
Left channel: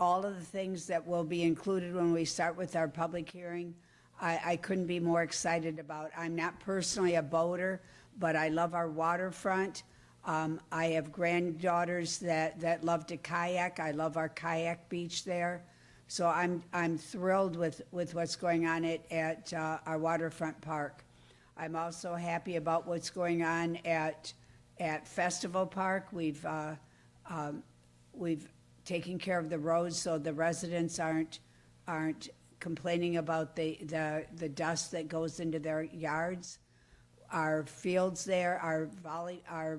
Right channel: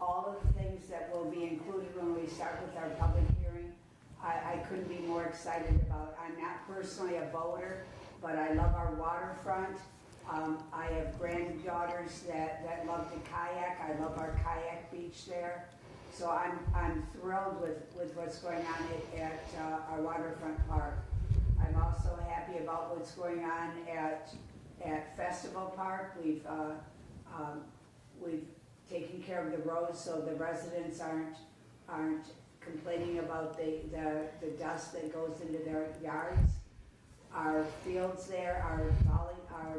all of the things that will be included when we start with our public hearing, I couldn't be more excited about. I'm not personally a boater, but I love our waterfront. I have granddaughters that love to kayak. I love our kayak beach there. So I'm thrilled with what's going on at our waterfront park. I'm also happy about what's going on at Festival Park. We've taken care of the roads so the residents aren't complaining about the dust that goes into their yards. Our fields there, our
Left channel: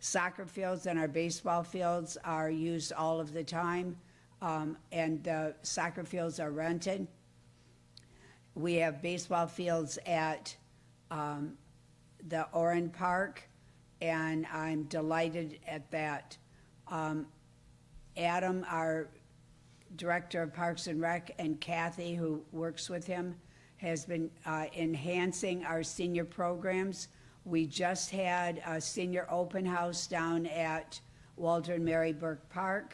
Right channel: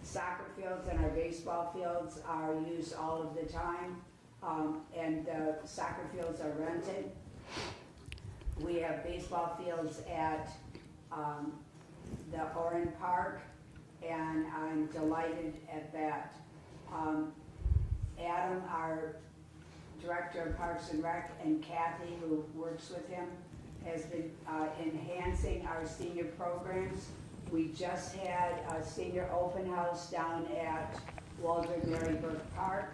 soccer fields and our baseball fields are used all of the time, and the soccer fields are rented. We have baseball fields at the Oren Park, and I'm delighted at that. Adam, our Director of Parks and Rec, and Kathy, who works with him, has been enhancing our senior programs. We just had a senior open house down at Walter and Mary Burke Park,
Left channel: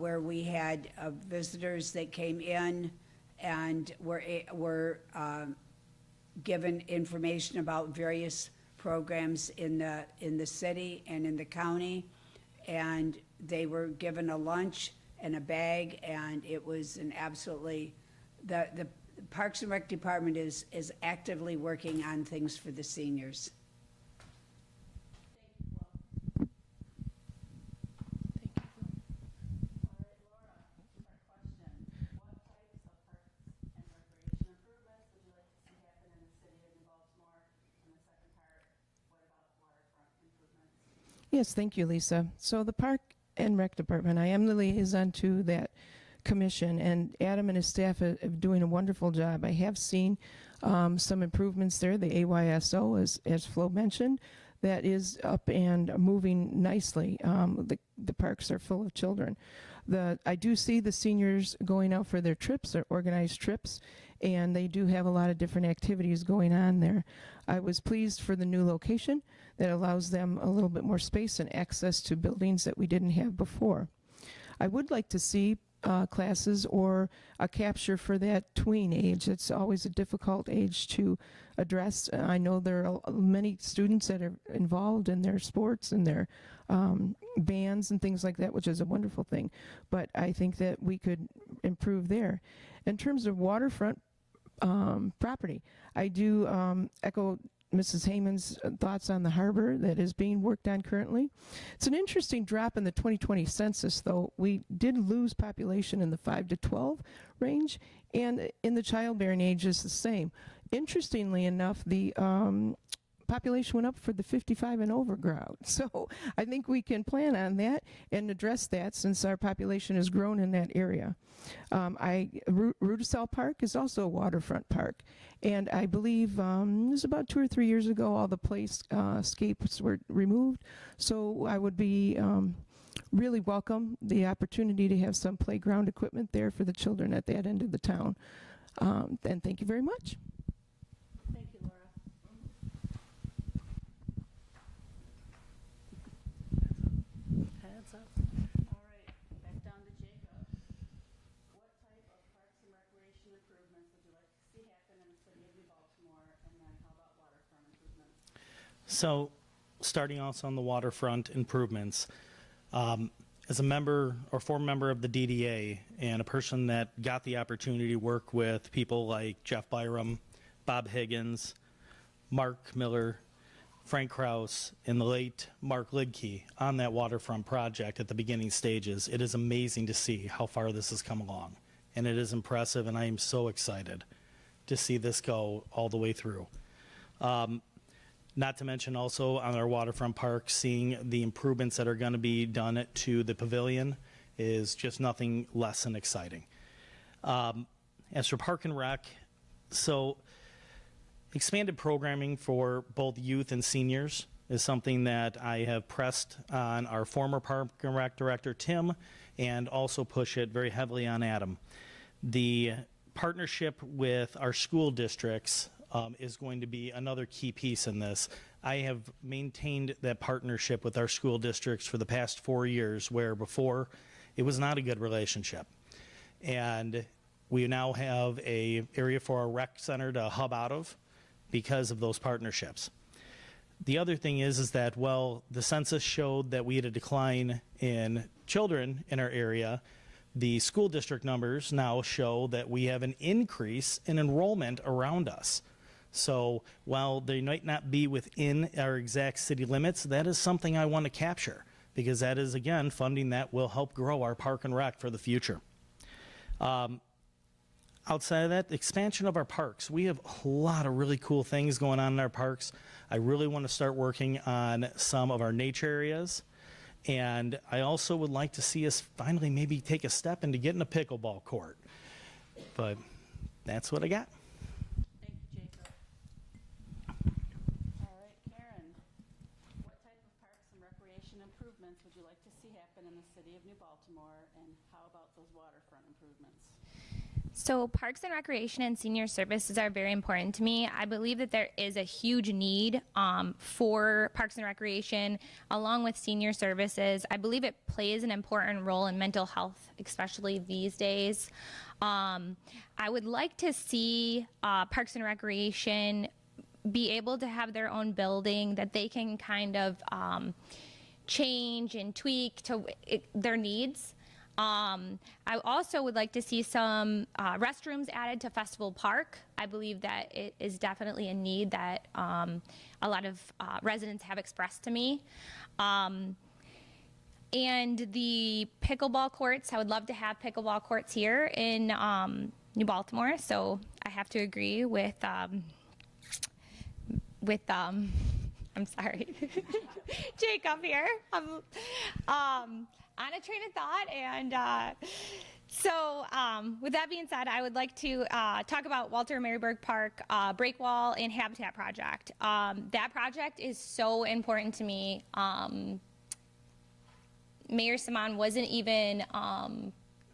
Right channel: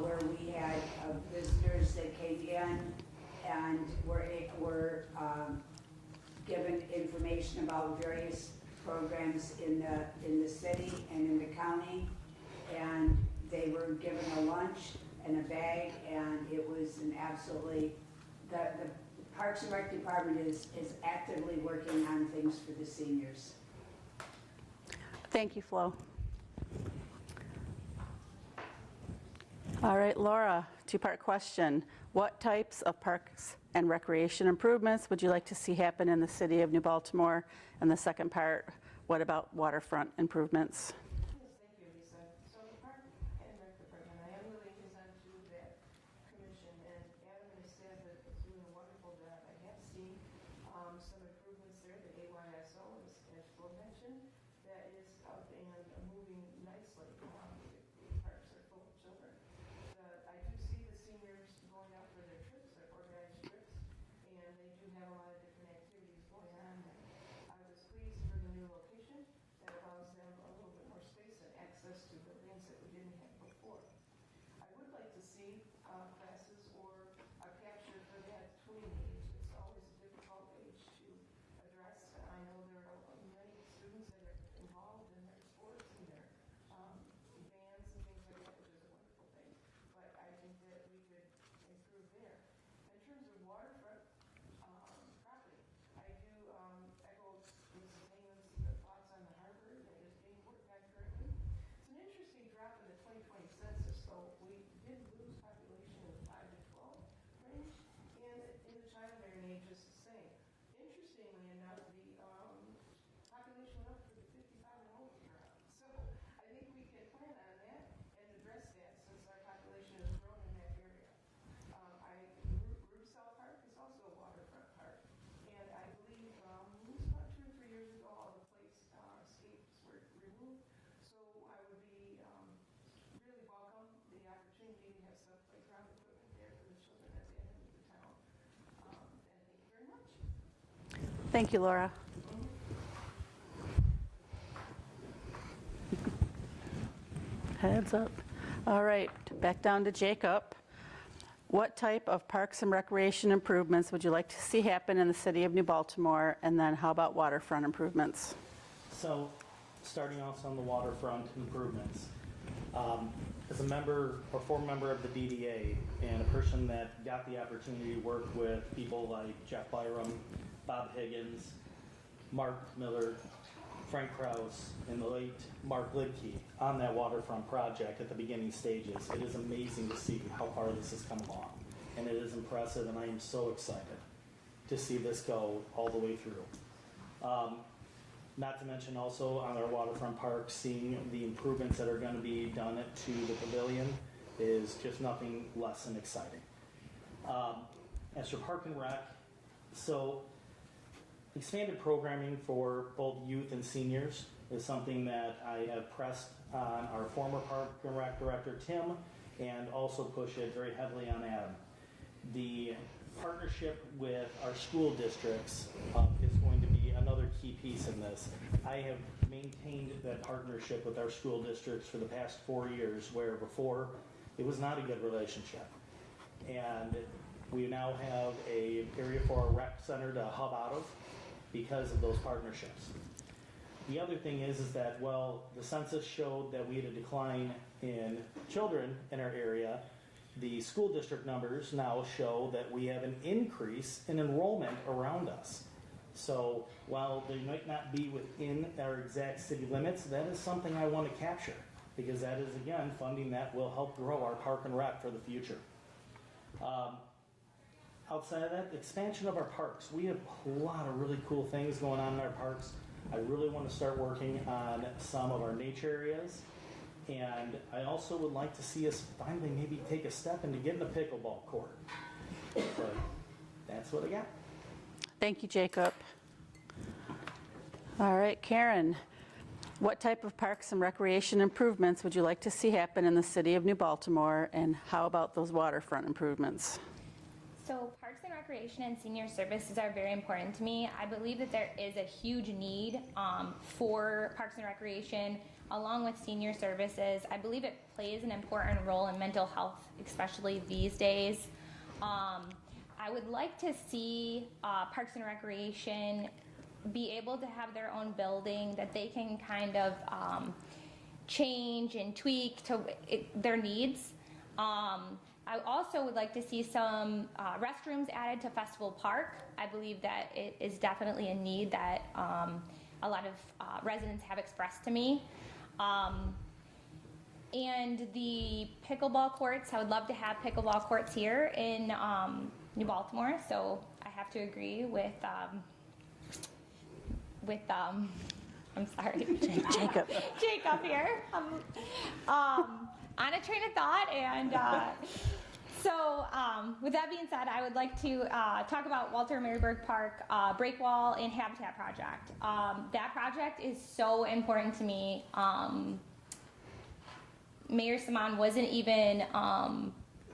where we had visitors that came in and were given information about various programs in the city and in the county, and they were given a lunch and a bag, and it was an absolutely, the Parks and Rec Department is actively working on things for the seniors. Thank you, Flo. All right, Laura, two-part question. What types of parks and recreation improvements would you like to see happen in the city of New Baltimore? And the second part, what about waterfront improvements? Yes, thank you, Lisa. So the Park and Rec Department, I am the liaison to that commission, and Adam and his staff are doing a wonderful job. I have seen some improvements there. The AYSO, as Flo mentioned, that is up and moving nicely. The parks are full of children. I do see the seniors going out for their trips, their organized trips, and they do have a lot of different activities going on there. I was pleased for the new location that allows them a little bit more space and access to buildings that we didn't have before. I would like to see classes or a capture for that tween age. It's always a difficult age to address. I know there are many students that are involved in their sports and their bands and things like that, which is a wonderful thing. But I think that we could improve there. In terms of waterfront property, I do echo Mrs. Heyman's thoughts on the harbor that is being worked on currently. It's an interesting drop in the 2020 census, though. We did lose population in the 5 to 12 range, and in the childbearing age is the same. Interestingly enough, the population went up for the 55 and over crowd. So I think we can plan on that and address that since our population has grown in that area. Rudisell Park is also a waterfront park. And I believe it was about 2 or 3 years ago, all the playscapes were removed. So I would be really welcome the opportunity to have some playground equipment there for the children at that end of the town. And thank you very much. Thank you, Laura. Heads up. All right, back down to Jacob. What type of parks and recreation improvements would you like to see happen in the city of New Baltimore? And then how about waterfront improvements? So, starting also on the waterfront improvements, as a member or former member of the DDA and a person that got the opportunity to work with people like Jeff Byram, Bob Higgins, Mark Miller, Frank Kraus, and the late Mark Lidke on that waterfront project at the beginning stages, it is amazing to see how far this has come along. And it is impressive, and I am so excited to see this go all the way through. Not to mention also on our waterfront park, seeing the improvements that are going to be done to the pavilion is just nothing less than exciting. As for Park and Rec, so expanded programming for both youth and seniors is something that I have pressed on our former Park and Rec director, Tim, and also push it very heavily on Adam. The partnership with our school districts is going to be another key piece in this. I have maintained that partnership with our school districts for the past 4 years, where before it was not a good relationship. And we now have a area for our rec center to hub out of because of those partnerships. The other thing is that, well, the census showed that we had a decline in children in our area. The school district numbers now show that we have an increase in enrollment around us. So while they might not be within our exact city limits, that is something I want to capture, because that is, again, funding that will help grow our Park and Rec for the future. Outside of that, the expansion of our parks. We have a lot of really cool things going on in our parks. I really want to start working on some of our nature areas. And I also would like to see us finally maybe take a step into getting a pickleball court. But that's what I got. Thank you, Jacob. All right, Karen, what type of parks and recreation improvements would you like to see happen in the city of New Baltimore, and how about those waterfront improvements? So parks and recreation and senior services are very important to me. I believe that there is a huge need for parks and recreation along with senior services. I believe it plays an important role in mental health, especially these days. I would like to see parks and recreation be able to have their own building that they can kind of change and tweak to their needs. I also would like to see some restrooms added to Festival Park. I believe that it is definitely a need that a lot of residents have expressed to me. And the pickleball courts, I would love to have pickleball courts here in New Baltimore. So I have to agree with I'm sorry, Jacob. Jacob here. On a train of thought, and so with that being said, I would like to talk about Walter Maryburg Park Breakwall and Habitat Project. That project is so important to me. Mayor Simon wasn't even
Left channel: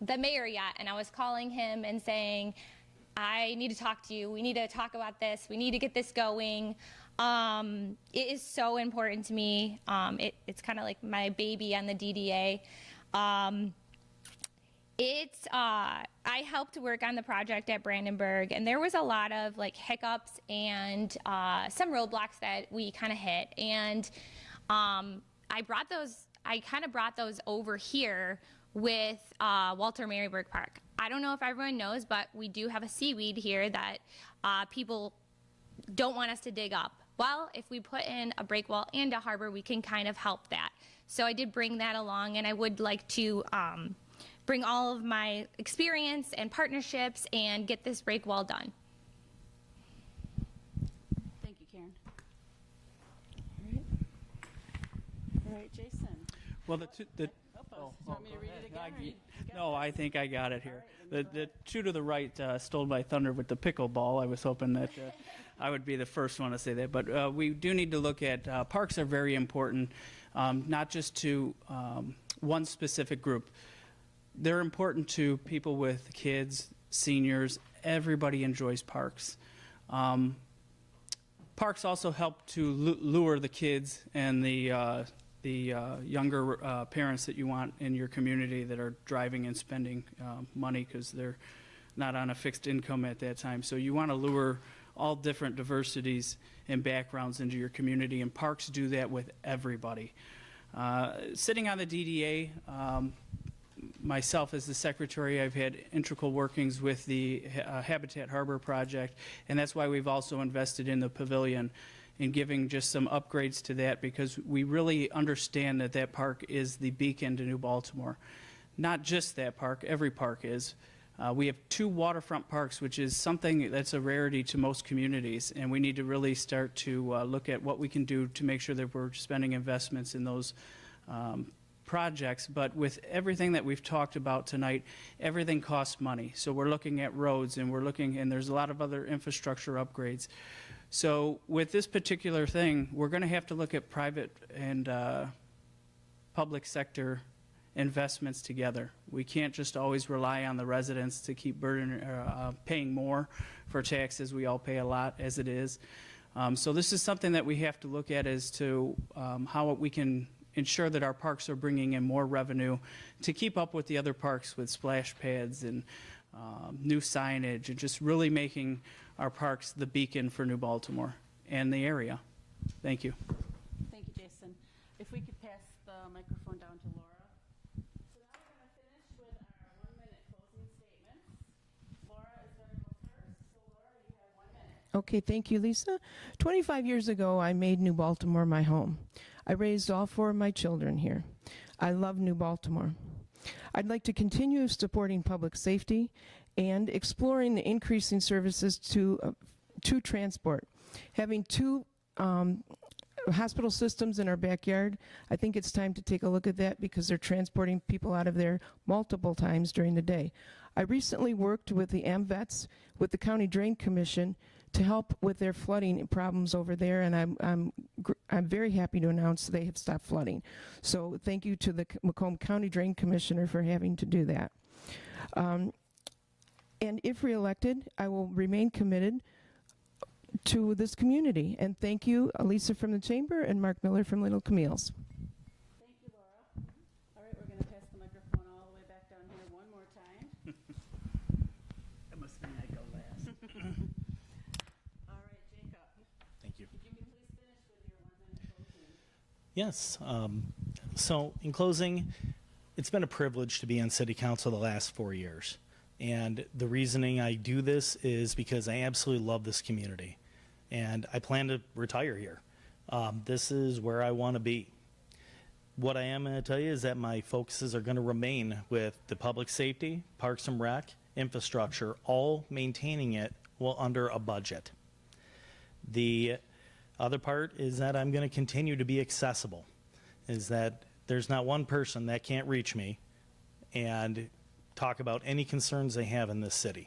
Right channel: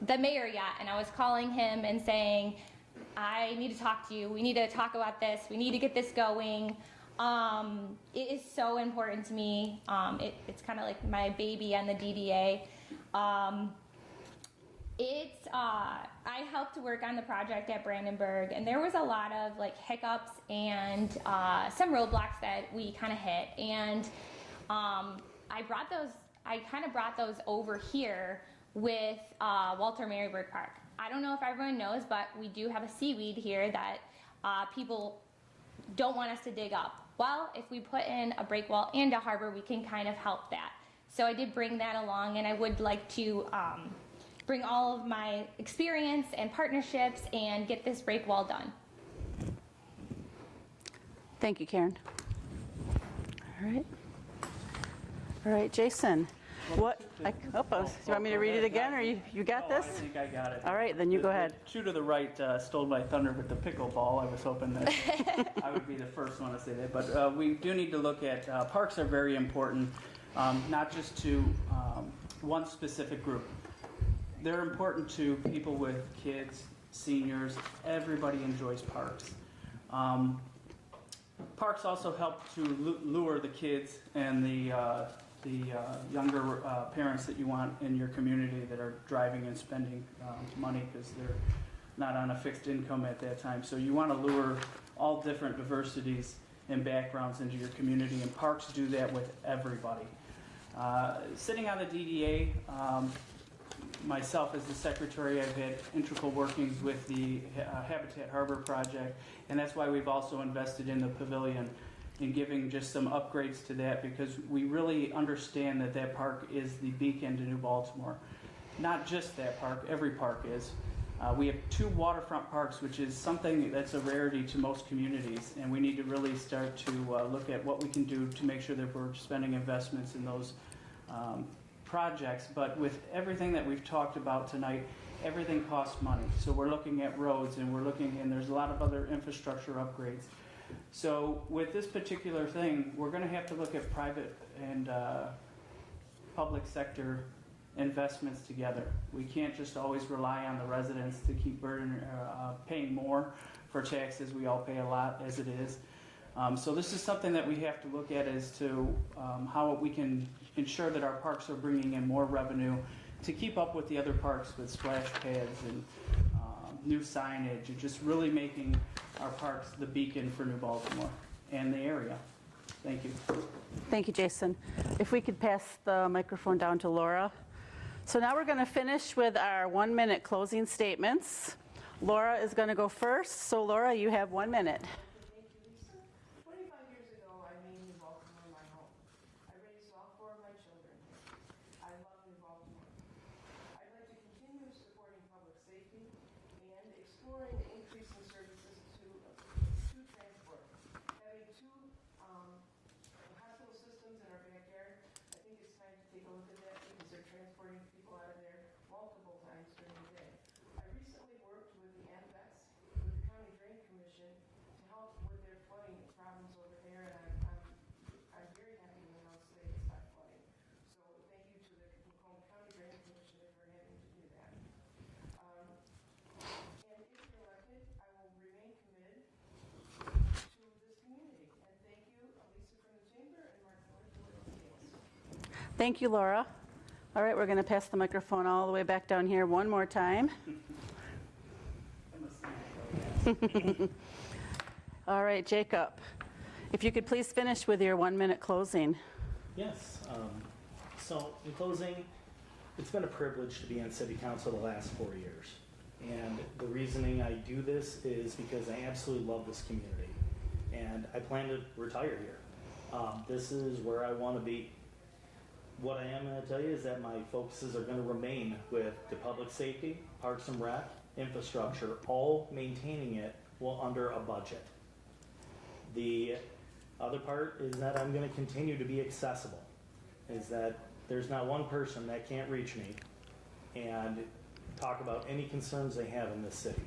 the mayor yet, and I was calling him and saying, I need to talk to you. We need to talk about this. We need to get this going. It is so important to me. It's kind of like my baby on the DDA. I helped work on the project at Brandenburg, and there was a lot of like hiccups and some roadblocks that we kind of hit. And I kind of brought those over here with Walter Maryburg Park. I don't know if everyone knows, but we do have a seaweed here that people don't want us to dig up. Well, if we put in a breakwall and a harbor, we can kind of help that. So I did bring that along, and I would like to bring all of my experience and partnerships and get this breakwall done. Thank you, Karen. All right. All right, Jason. Well, What? You want me to read it again, or you got No, this? I think I got it. All right, then you go ahead. The two to the right stole my thunder with the pickleball. I was hoping that I would be the first one to say that. But we do need to look at parks are very important, not just to one specific group. They're important to people with kids, seniors. Everybody enjoys parks. Parks also help to lure the kids and the the younger parents that you want in your community that are driving and spending money because they're not on a fixed income at that time. So you want to lure all different diversities and backgrounds into your community, and parks do that with everybody. Sitting on the DDA, myself as the secretary, I've had integral workings with the Habitat Harbor project, and that's why we've also invested in the pavilion and giving just some upgrades to that, because we really understand that that park is the beacon to New Baltimore. Not just that park, every park is. We have 2 waterfront parks, which is something that's a rarity to most communities, and we need to really start to look at what we can do to make sure that we're spending investments in those projects. But with everything that we've talked about tonight, everything costs money. So we're looking at roads, and there's a lot of other infrastructure upgrades. So with this particular thing, we're going to have to look at private and public sector investments together. We can't just always rely on the residents to keep paying more for taxes. We all pay a lot as it is. So this is something that we have to look at as to how we can ensure that our parks are bringing in more revenue to keep up with the other parks with splash pads and new signage, and just really making our parks the beacon for New Baltimore and the area. Thank you. Thank you, Jason. If we could pass the microphone down to Laura. So now we're going to finish with our 1-minute closing statements. Laura is going to go first. So Laura, you have 1 minute. Okay, thank you, Lisa. 25 years ago, I made New Baltimore my home. I raised all 4 of my children here. I love New Baltimore. I'd like to continue supporting public safety and exploring the increasing services to transport. Having 2 hospital systems in our backyard, I think it's time to take a look at that because they're transporting people out of there multiple times during the day. I recently worked with the AMVETS, with the County Drain Commission, to help with their flooding problems over there, and I'm very happy to announce they have stopped flooding. So thank you to the Macomb County Drain Commissioner for having to do that. And if reelected, I will remain committed to this community. And thank you, Lisa from the Chamber and Mark Miller from Little Camille's. Thank you, Laura. All right, we're going to pass the microphone all the way back down here one more time. All right, Jacob, if you could please finish with your 1-minute closing. Yes. So in closing, it's been a privilege to be on City Council the last 4 years. And the reasoning I do this is because I absolutely love this community. And I plan to retire here. This is where I want to be. What I am going to tell you is that my focuses are going to remain with the public safety, Parks and Rec, infrastructure, all maintaining it well under a budget. The other part is that I'm going to continue to be accessible, is that there's not one person that can't reach me and talk about any concerns they have in this city.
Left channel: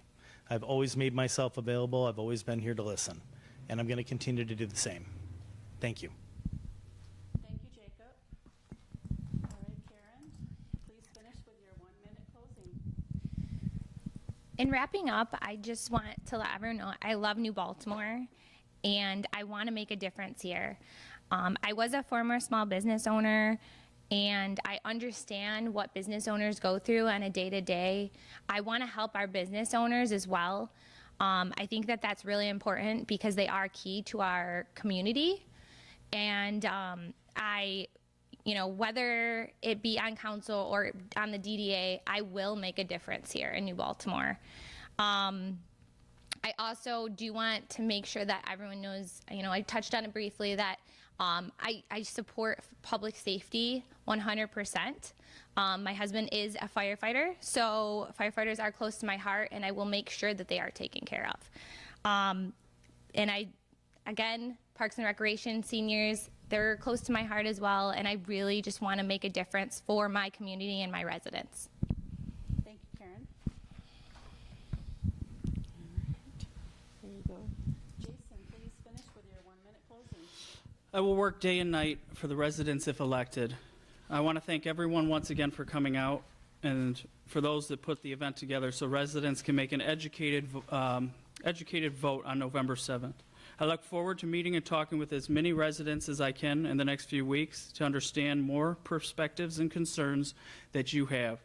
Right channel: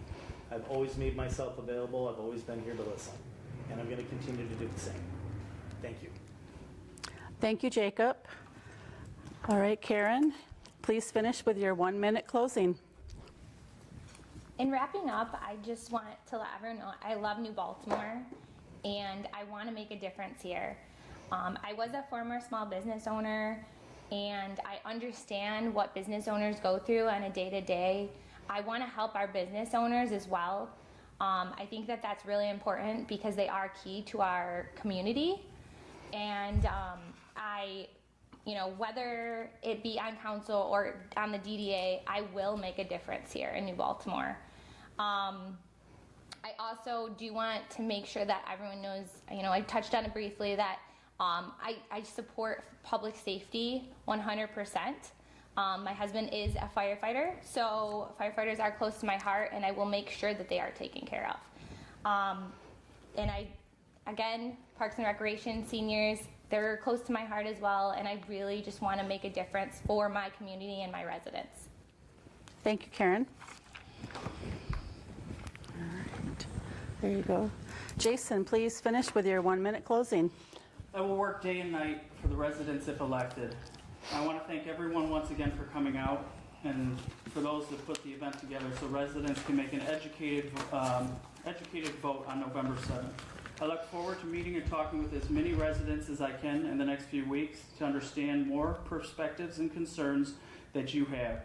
I've always made myself available. I've always been here to listen, and I'm going to continue to do the same. Thank you. Thank you, Jacob. All right, Karen, please finish with your 1-minute closing. In wrapping up, I just want to let everyone know I love New Baltimore and I want to make a difference here. I was a former small business owner and I understand what business owners go through on a day-to-day. I want to help our business owners as well. I think that that's really important because they are key to our community. And whether it be on council or on the DDA, I will make a difference here in New Baltimore. I also do want to make sure that everyone knows, I touched on it briefly, that I support public safety 100%. My husband is a firefighter, so firefighters are close to my heart, and I will make sure that they are taken care of. Again, Parks and Recreation seniors, they're close to my heart as well, and I really just want to make a difference for my community and my residents. Thank you, Karen. All right, there you go. Jason, please finish with your 1-minute closing. I will work day and night for the residents if elected. I want to thank everyone once again for coming out and for those that put the event together so residents can make an educated vote on November 7th. I look forward to meeting and talking with as many residents as I can in the next few weeks to understand more perspectives and concerns that you have.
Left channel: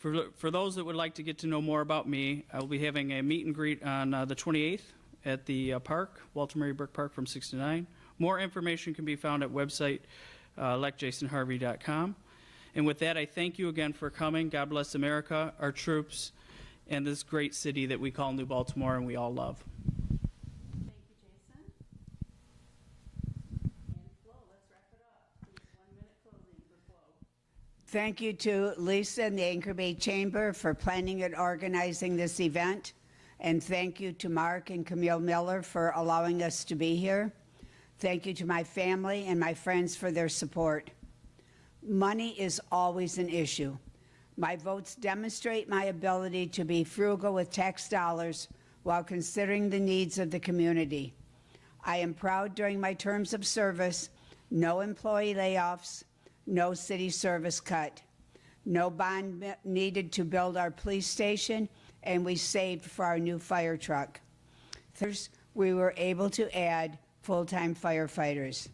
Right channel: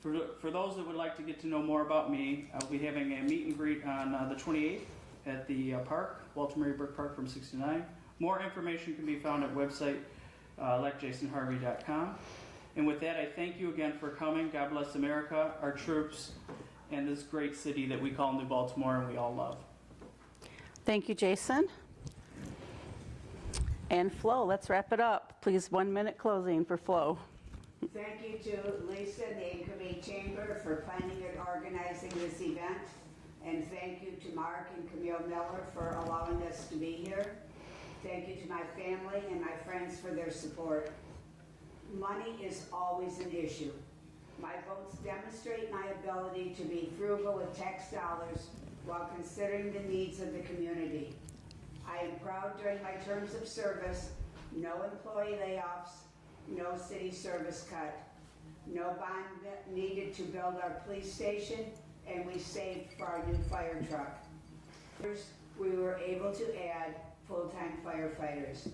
For those that would like to get to know more about me, I will be having a meet and greet on the 28th at the park, Walter Mary Burke Park from 6 to 9. More information can be found at website electjasonharvey.com. And with that, I thank you again for coming. God bless America, our troops, and this great city that we call New Baltimore and we all love. Thank you, Jason. And Flo, let's wrap it up. Please, 1 minute closing for Flo. Thank you to Lisa and the Anchor Bay Chamber for planning and organizing this event. And thank you to Mark and Camille Miller for allowing us to be here. Thank you to my family and my friends for their support. Money is always an issue. My votes demonstrate my ability to be frugal with tax dollars while considering the needs of the community. I am proud during my terms of service, no employee layoffs, no city service cut, no bond needed to build our police station, and we saved for our new fire truck. First, we were able to add full-time firefighters.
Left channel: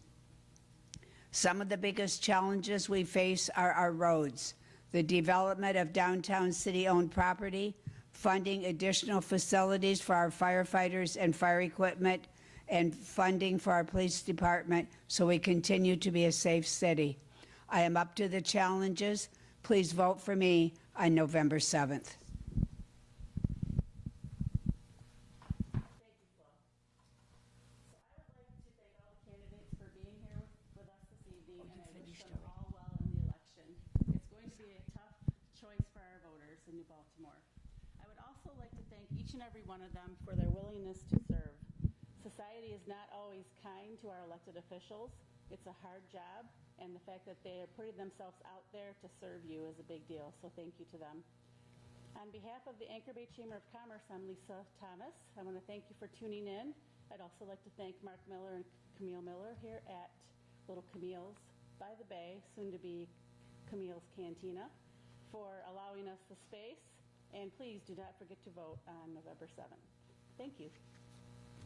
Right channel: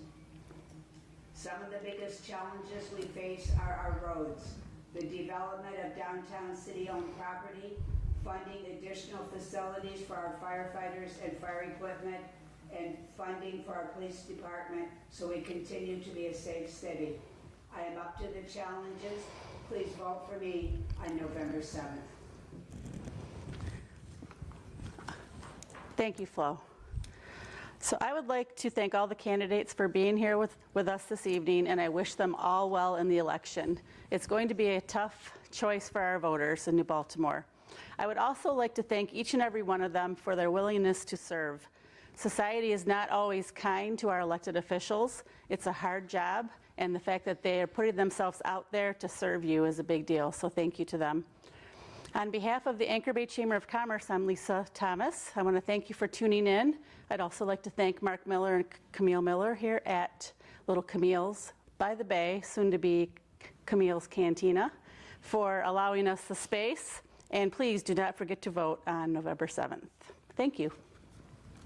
Some of the biggest challenges we face are our roads, the development of downtown city-owned property, funding additional facilities for our firefighters and fire equipment, and funding for our police department so we continue to be a safe city. I am up to the challenges. Please vote for me on November 7th. Thank you, Flo. So I would like to thank all the candidates for being here with us this evening, and I wish them all well in the election. It's going to be a tough choice for our voters in New Baltimore. I would also like to thank each and every one of them for their willingness to serve. Society is not always kind to our elected officials. It's a hard job, and the fact that they are putting themselves out there to serve you is a big deal, so thank you to them. On behalf of the Anchor Bay Chamber of Commerce, I'm Lisa Thomas. I want to thank you for tuning in. I'd also like to thank Mark Miller and Camille Miller here at Little Camille's by the Bay, soon to be Camille's Cantina, for allowing us the space. And please do not forget to vote on November 7th. Thank you.